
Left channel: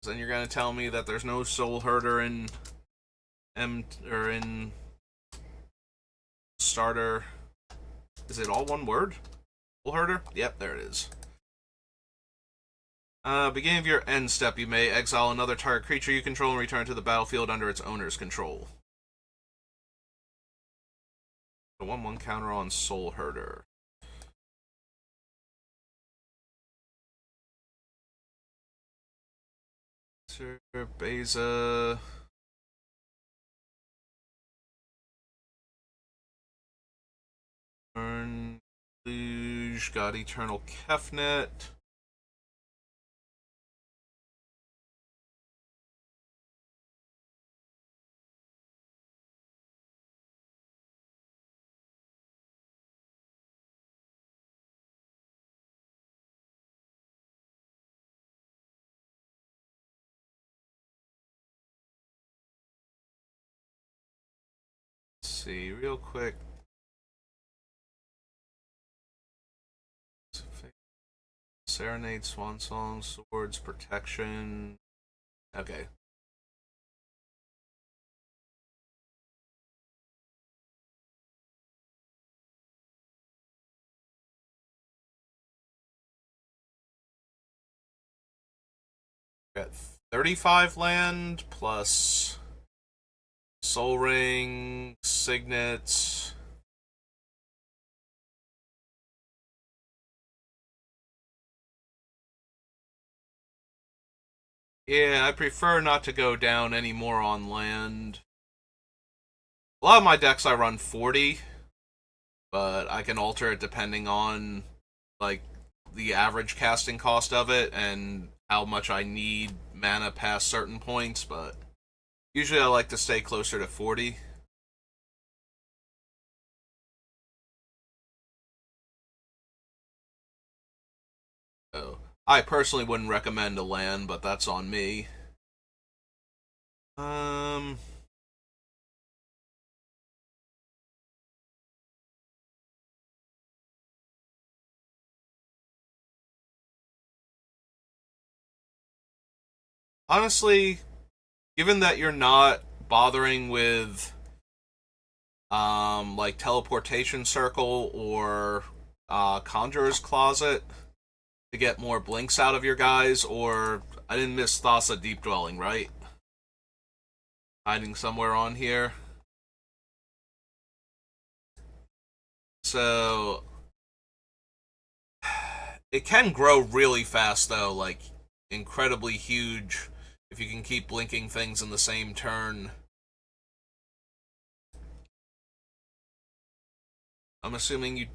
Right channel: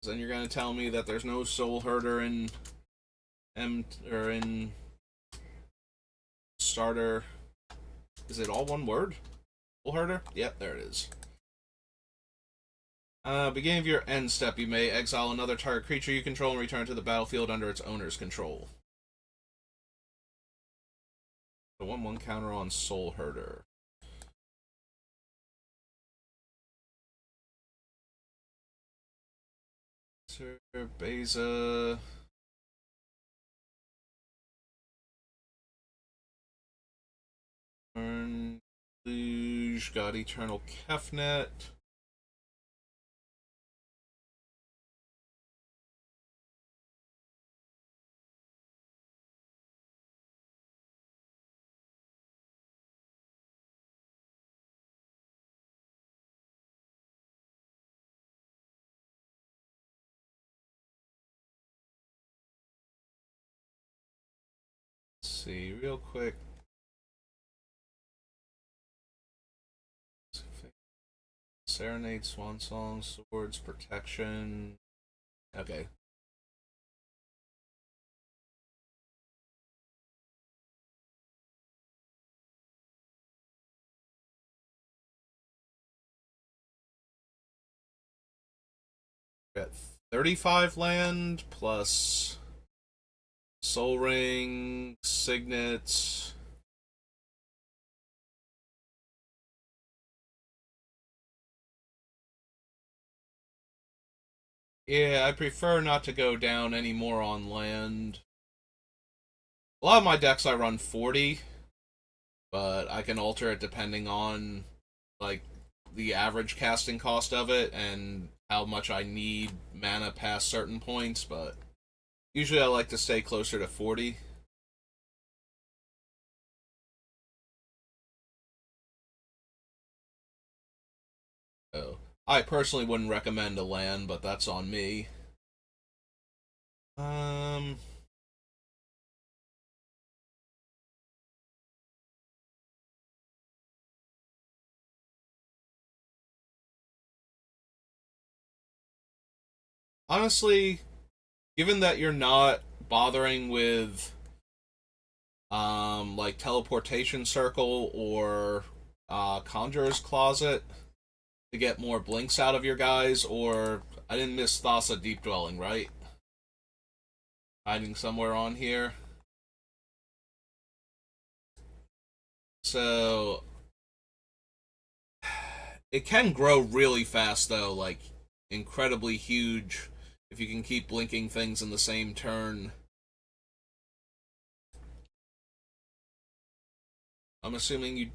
Then you're going to tell me that there's no Soul Herder in or in starter. Is it all one word? Soul Herder? Yep, there it is. Beginning of your end step, you may exile another target creature you control and return to the battlefield under its owner's control. The 1/1 counter on Soul Herder. Sir Beza. Turn. Luge. Got Eternal Kefnet. See real quick. Serenade, Swan Song, Swords, Protection. Okay. Got 35 land plus Soul Ring, Signets. Yeah, I prefer not to go down any more on land. A lot of my decks I run 40, but I can alter it depending on like the average casting cost of it and how much I need mana past certain points, but usually I like to stay closer to 40. So I personally wouldn't recommend a land, but that's on me. Um Honestly, given that you're not bothering with like teleportation circle or conjurer's closet to get more blinks out of your guys, or I didn't miss Thassa Deep Dwelling, right? Hiding somewhere on here. So it can grow really fast though, like incredibly huge if you can keep blinking things in the same turn. I'm assuming you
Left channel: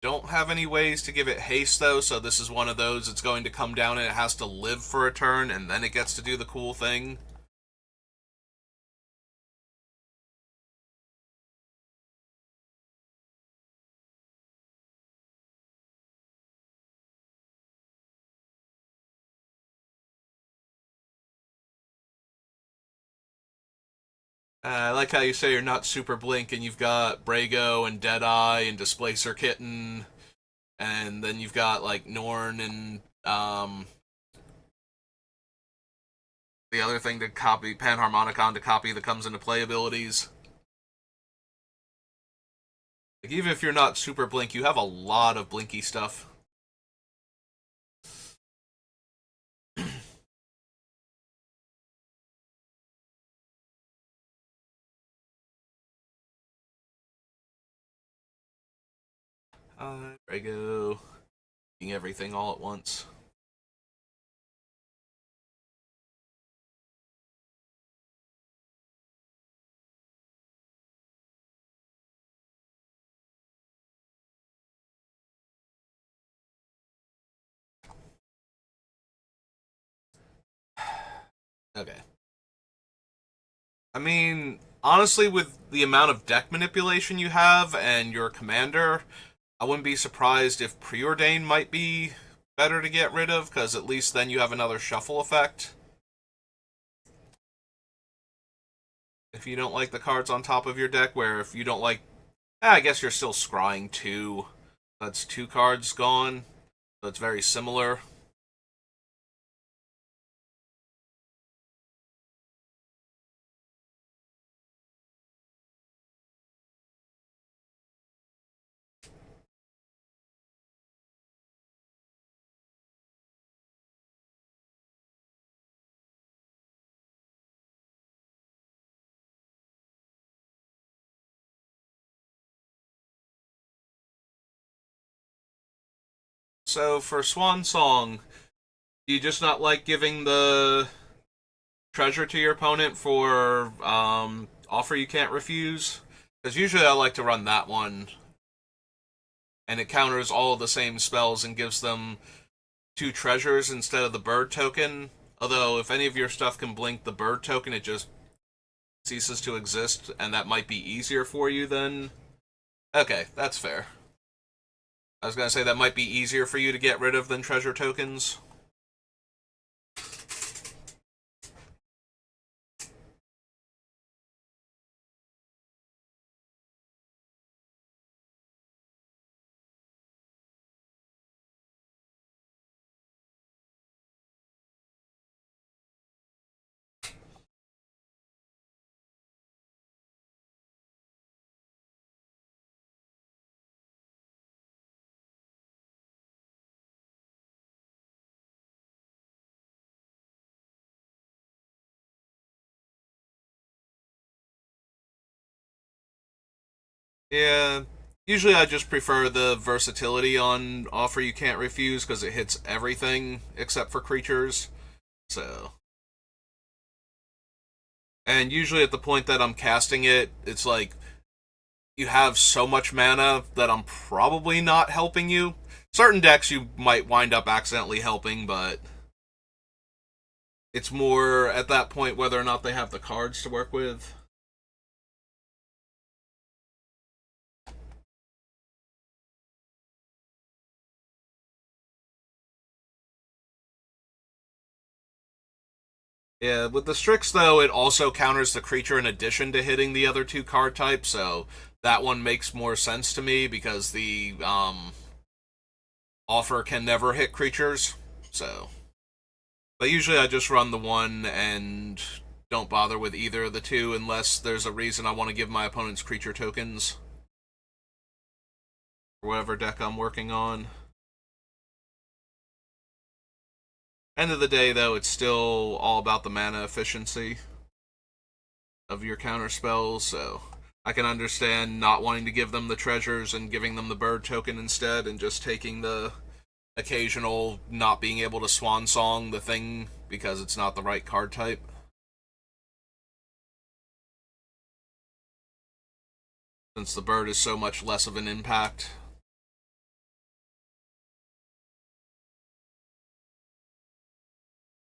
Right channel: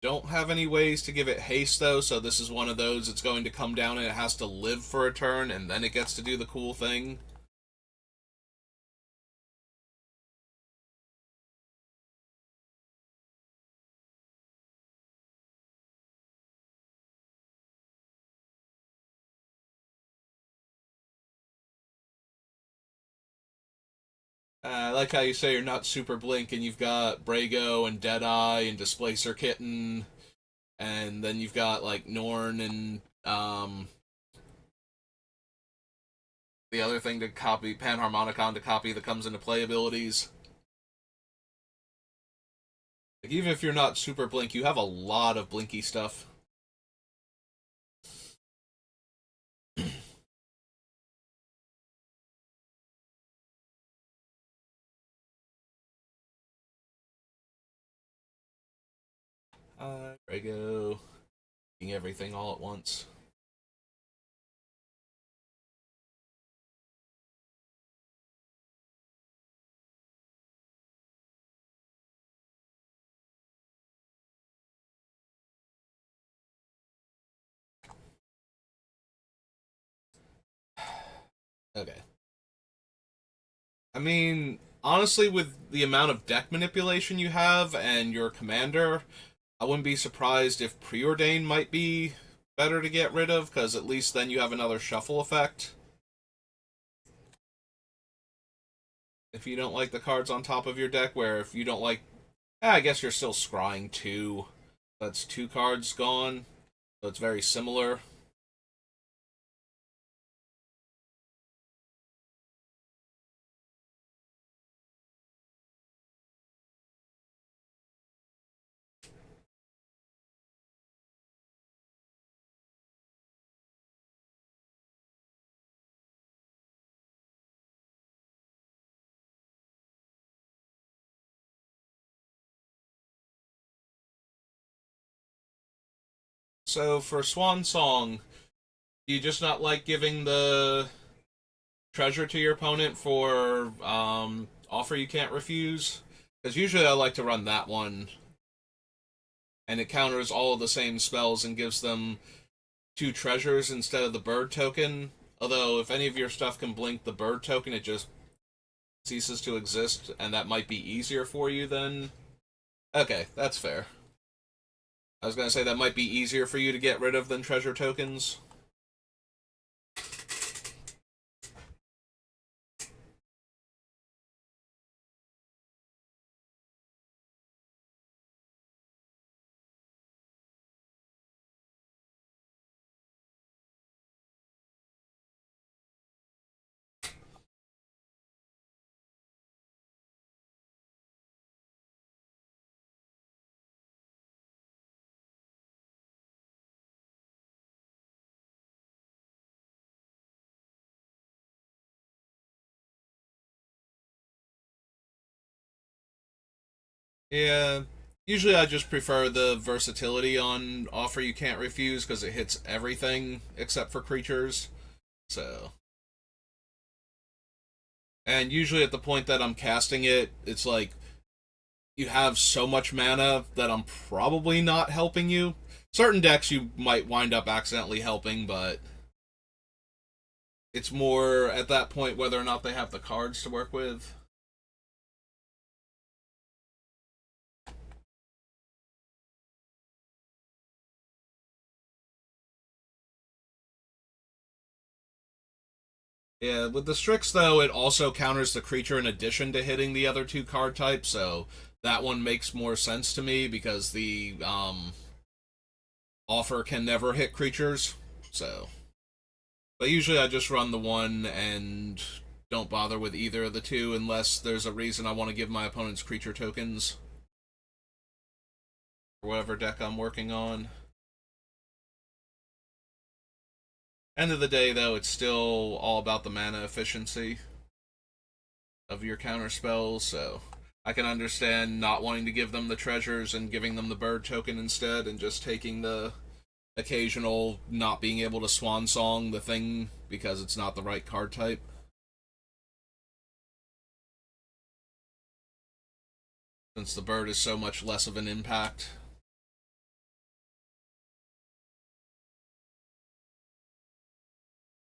don't have any ways to give it haste though, so this is one of those it's going to come down and it has to live for a turn and then it gets to do the cool thing. I like how you say you're not super blink, and you've got Brago and Deadeye and Displacer Kitten, and then you've got like Norn and the other thing to copy Panharmonicon to copy that comes into play abilities. Like, even if you're not super blink, you have a lot of blinky stuff. Brago, doing everything all at once. Okay. I mean, honestly, with the amount of deck manipulation you have and your commander, I wouldn't be surprised if Preordain might be better to get rid of, because at least then you have another shuffle effect. If you don't like the cards on top of your deck, where if you don't like, I guess you're still scrying two. That's two cards gone. So it's very similar. So for Swan Song, do you just not like giving the treasure to your opponent for offer you can't refuse? Because usually I like to run that one, and it counters all of the same spells and gives them two treasures instead of the bird token. Although, if any of your stuff can blink the bird token, it just ceases to exist, and that might be easier for you than. Okay, that's fair. I was gonna say that might be easier for you to get rid of than treasure tokens. Yeah, usually I just prefer the versatility on offer you can't refuse because it hits everything except for creatures. So, and usually at the point that I'm casting it, it's like you have so much mana that I'm probably not helping you. Certain decks you might wind up accidentally helping, but it's more at that point whether or not they have the cards to work with. Yeah, with the Strix though, it also counters the creature in addition to hitting the other two card types, so that one makes more sense to me because the offer can never hit creatures. So, but usually I just run the one and don't bother with either of the two unless there's a reason I want to give my opponents creature tokens for whatever deck I'm working on. End of the day, though, it's still all about the mana efficiency of your counter spells, so I can understand not wanting to give them the treasures and giving them the bird token instead and just taking the occasional not being able to swan song the thing because it's not the right card type. Since the bird is so much less of an impact.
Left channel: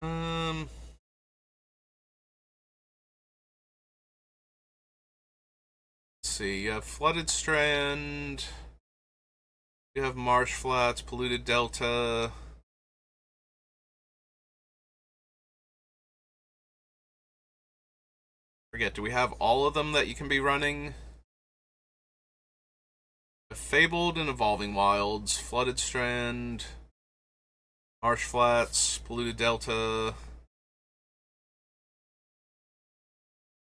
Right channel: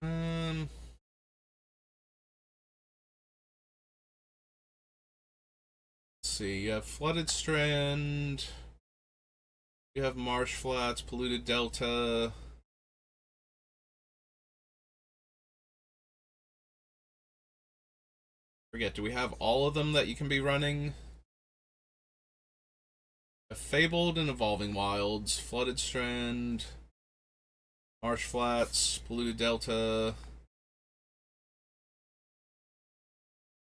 Um, let's see. You have Flooded Strand. You have Marsh Flats, Polluted Delta. Forget, do we have all of them that you can be running? Fabled and Evolving Wilds, Flooded Strand, Marsh Flats, Polluted Delta.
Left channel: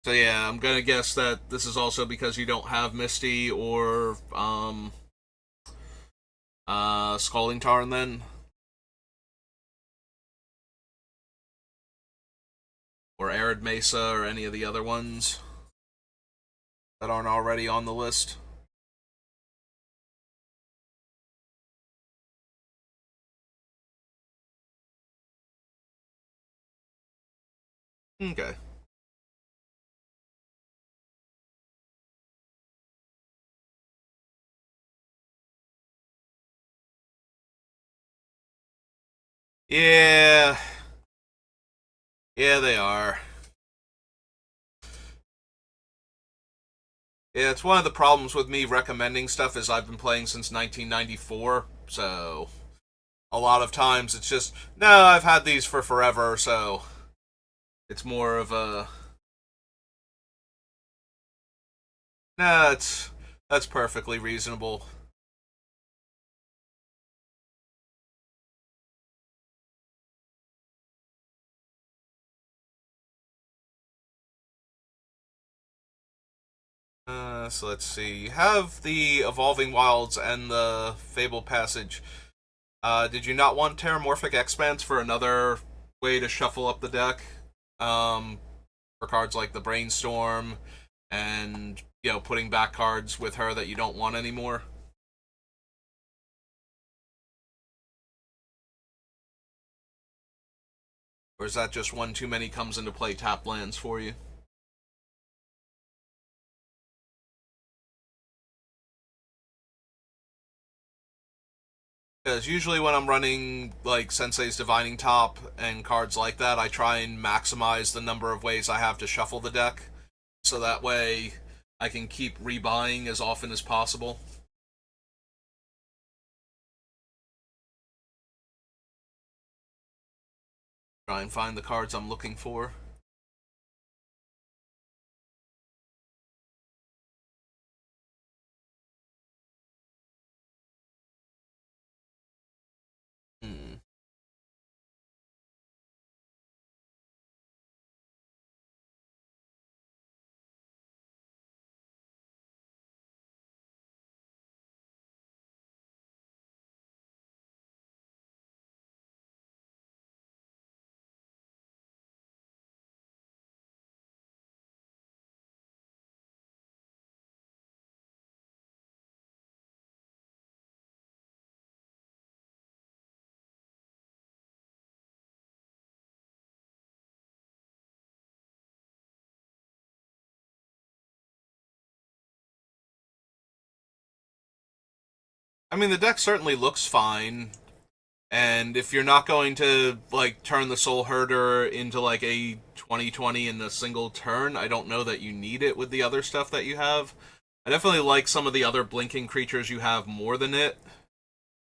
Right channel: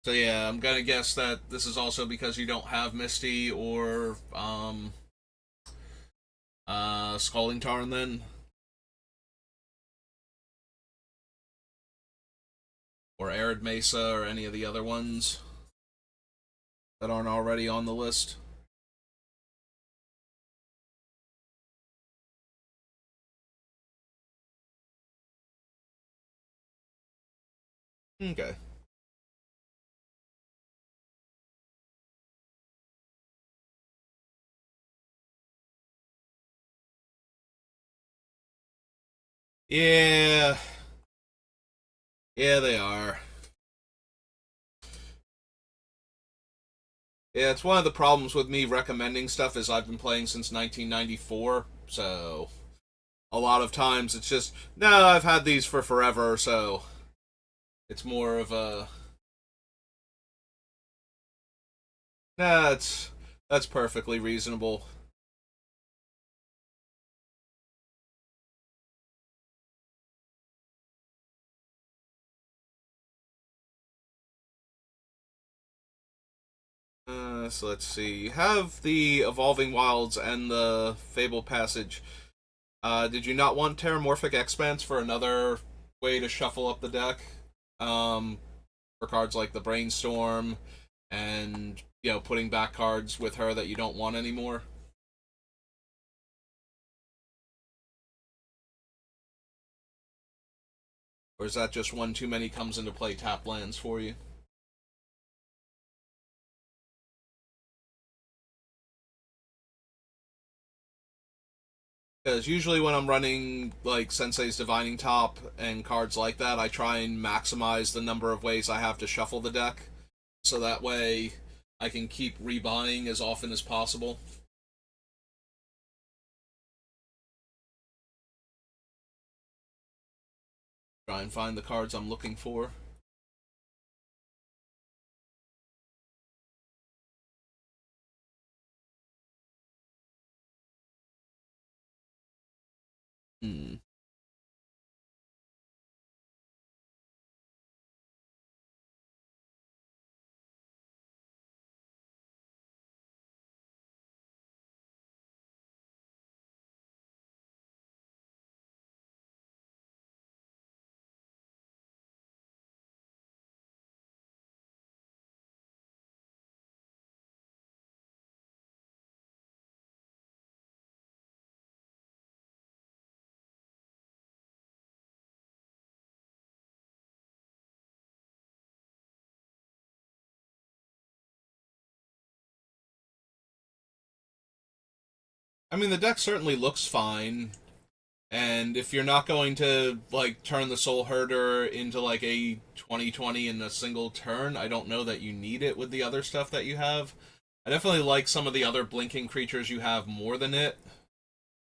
So yeah, I'm gonna guess that this is also because you don't have Misty or Scalding Tarn then, or Arid Mesa or any of the other ones that aren't already on the list. Okay. Yeah. Yeah, they are. Yeah, it's one of the problems with me recommending stuff is I've been playing since 1994, so a lot of times it's just, no, I've had these for forever, so it's more of a, nah, that's perfectly reasonable. So let's see. You have the Evolving Wilds and the Fable Passage. Did you not want Terramorphic Expanse for another way to shuffle up the deck? Um, for cards like the Brainstorm and, putting back cards with her that you don't want anymore? Or is that just one too many comes into play tap lands for you? Because usually when I'm running like Sensei's Divining Top and cards like that, I try and maximize the number of ways I have to shuffle the deck, so that way I can keep rebuying as often as possible. Try and find the cards I'm looking for. Hmm. I mean, the deck certainly looks fine, and if you're not going to like turn the Soul Herder into like a 2020 in a single turn, I don't know that you need it with the other stuff that you have. I definitely like some of the other blinking creatures you have more than it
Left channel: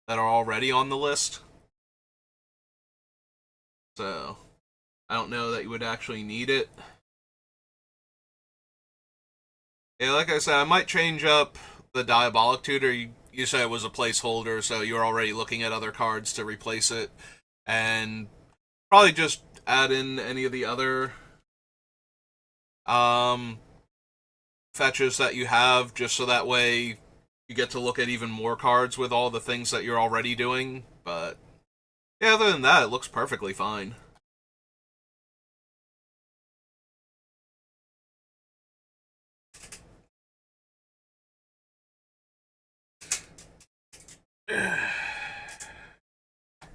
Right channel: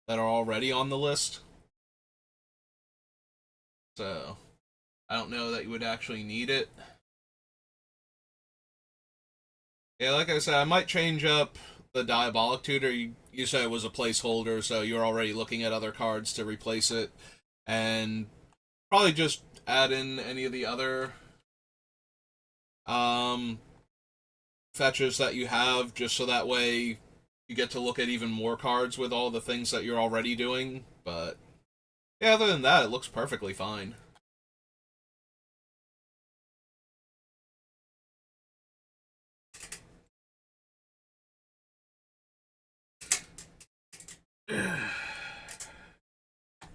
that are already on the list. So I don't know that you would actually need it. Yeah, like I said, I might change up the Diabolic Tutor. You said it was a placeholder, so you're already looking at other cards to replace it, and probably just add in any of the other um, fetches that you have, just so that way you get to look at even more cards with all the things that you're already doing. But yeah, other than that, it looks perfectly fine.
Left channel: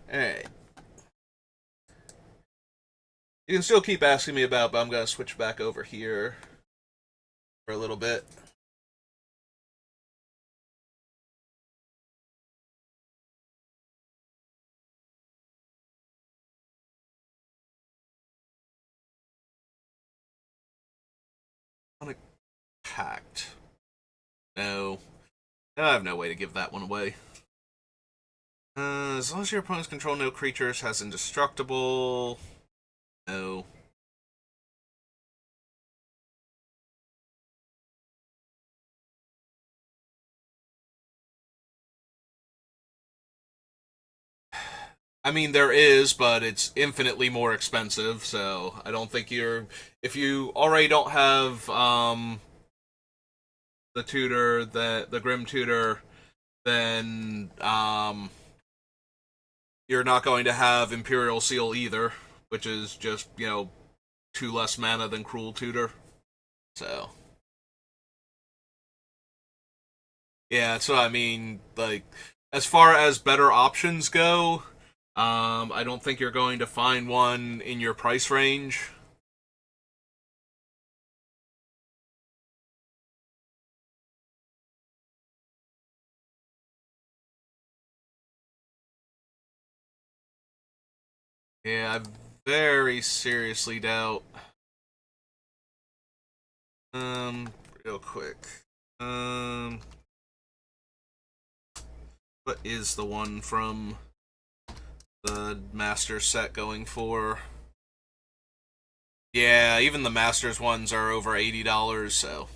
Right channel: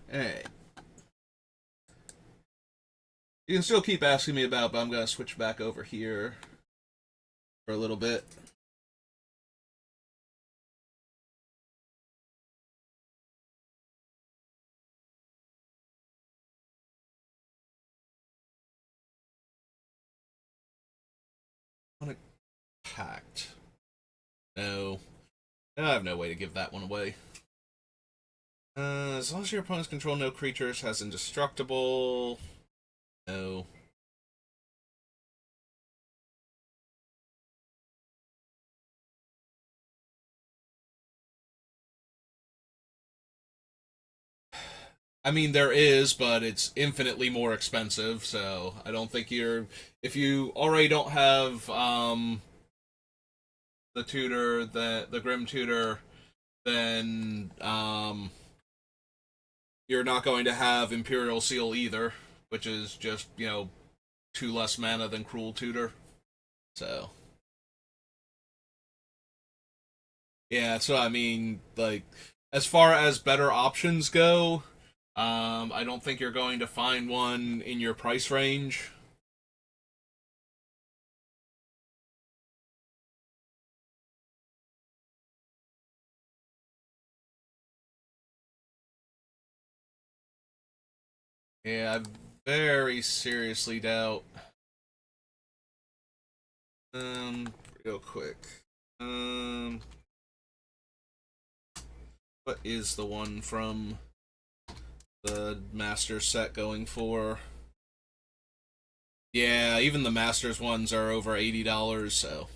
Hey, you can still keep asking me about, but I'm gonna switch back over here for a little bit. Packed. No, I have no way to give that one away. As long as your opponents control no creatures, has indestructible. No. I mean, there is, but it's infinitely more expensive. So I don't think you're. If you already don't have the tutor, the Grim tutor, then you're not going to have Imperial Seal either, which is just two less mana than Cruel Tutor. So yeah, that's what I mean. Like, as far as better options go, I don't think you're going to find one in your price range. Yeah, I very seriously doubt. Um, Real quick. Um, what is the one from the Master set going for? Yeah, even the Masters ones are over $80. So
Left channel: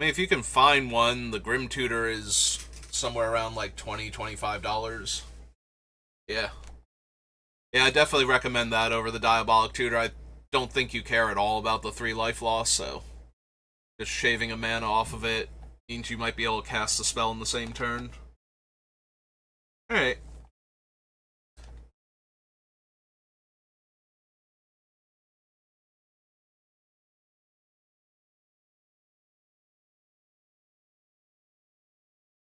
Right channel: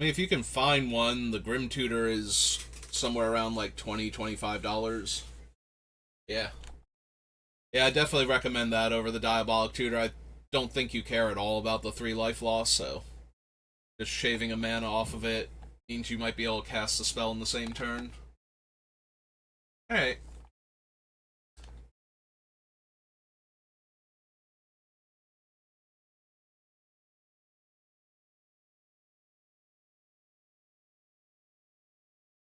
I mean, if you can find one, the Grim Tutor is somewhere around like $20-$25. Yeah. Yeah, I definitely recommend that over the Diabolic Tutor. I don't think you care at all about the 3 life loss, so just shaving a mana off of it means you might be able to cast the spell in the same turn. Alright.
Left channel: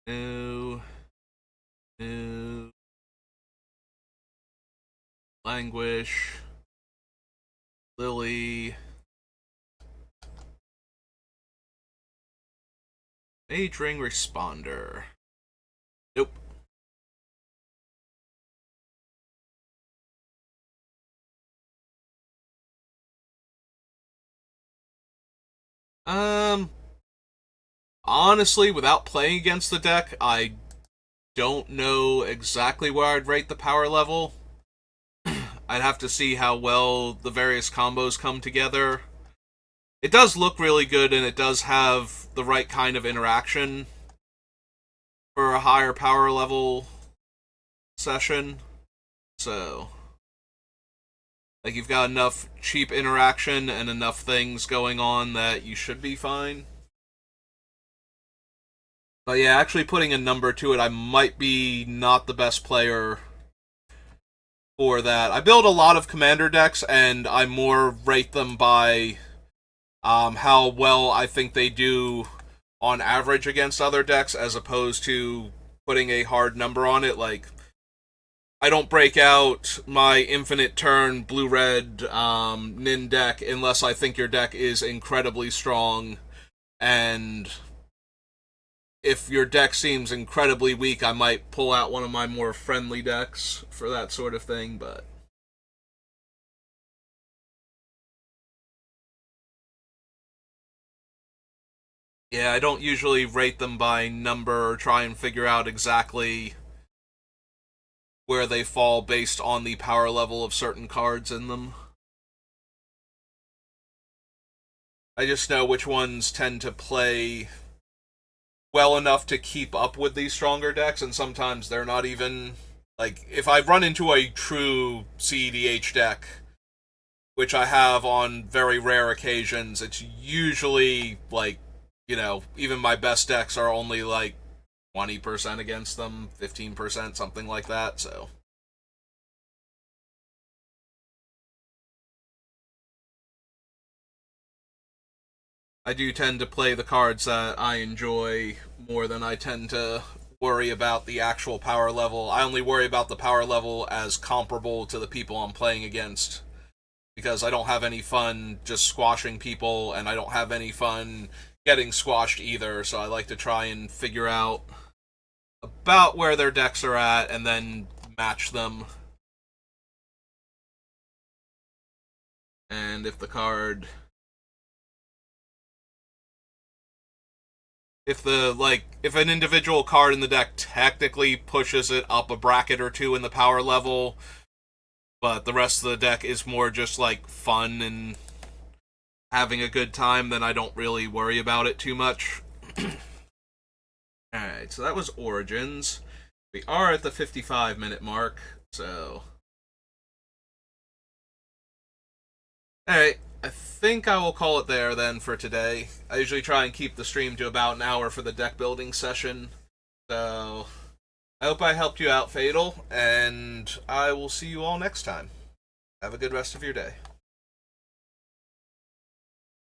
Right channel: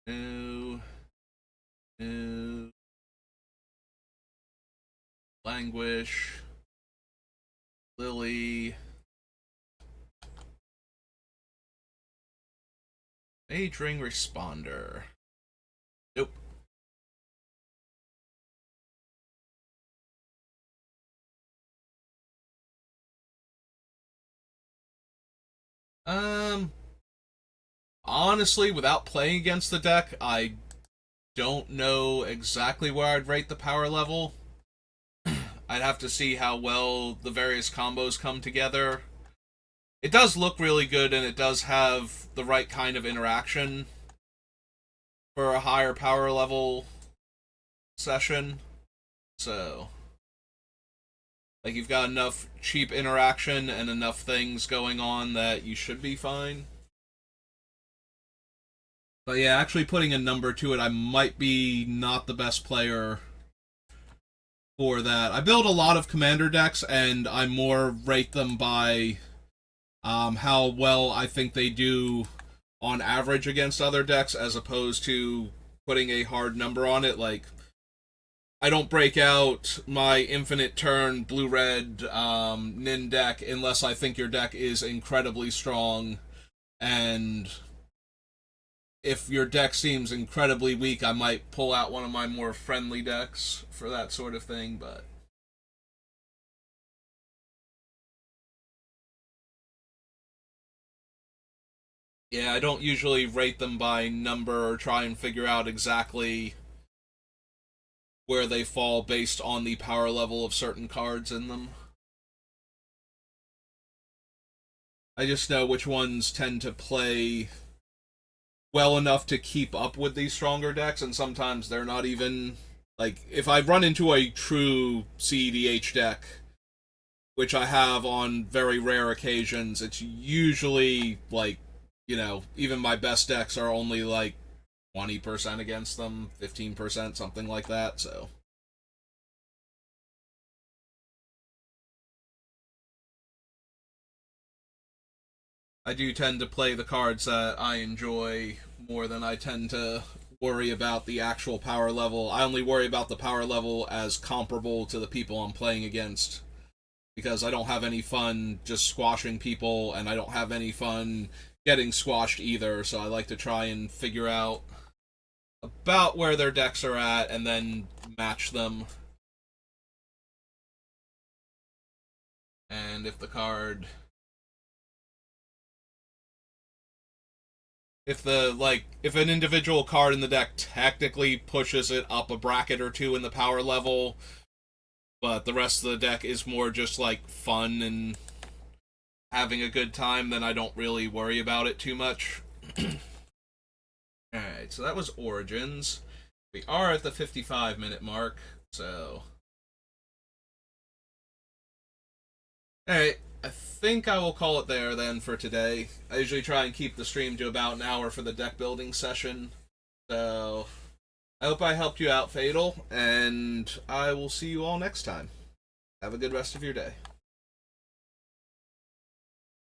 New. New. Languish. Lily. Mage Ring Responder. Nope. Um, Honestly, without playing against the deck, I don't know exactly where I'd rate the power level. I'd have to see how well the various combos come together. It does look really good, and it does have the right kind of interaction for a higher power level session. So, like, you've got enough cheap interaction and enough things going on that you should be fine. But yeah, actually putting a number to it, I might be not the best player for that. I build a lot of commander decks, and I more rate them by how well I think they do on average against other decks, as opposed to putting a hard number on it. Like, I don't break out my infinite turn blue red Nin deck unless I think your deck is incredibly strong, and if your deck seems incredibly weak, I might pull out one of my more friendly decks for that sort of thing. But yeah, I don't usually rate them by number or try and figure out exactly where they fall based on the power level of certain cards in them. I just know which ones tend to play well enough to keep up with these stronger decks, and sometimes they're not even. Like, if I run into a true CEDH deck, which I have on very rare occasions, it's usually like, even my best decks are only like 20% against them, 15%, something like that, so. I do tend to play the cards that I enjoy more than I tend to worry about the actual power level. I only worry about the power level as comparable to the people I'm playing against, because I don't have any fun just squashing people, and I don't have any fun getting squashed either, so I like to try and figure out about where their decks are at and then match them. And if an individual card in the deck technically pushes it up a bracket or two in the power level, but the rest of the deck is more just like fun and having a good time, then I don't really worry about it too much. Alright, so that was Origins. We are at the 55-minute mark, so... Alright, I think I will call it there then for today. I usually try and keep the stream to about an hour for the deck building session. So, I hope I helped you out, Fatal, and I will see you all next time. Have a good rest of your day.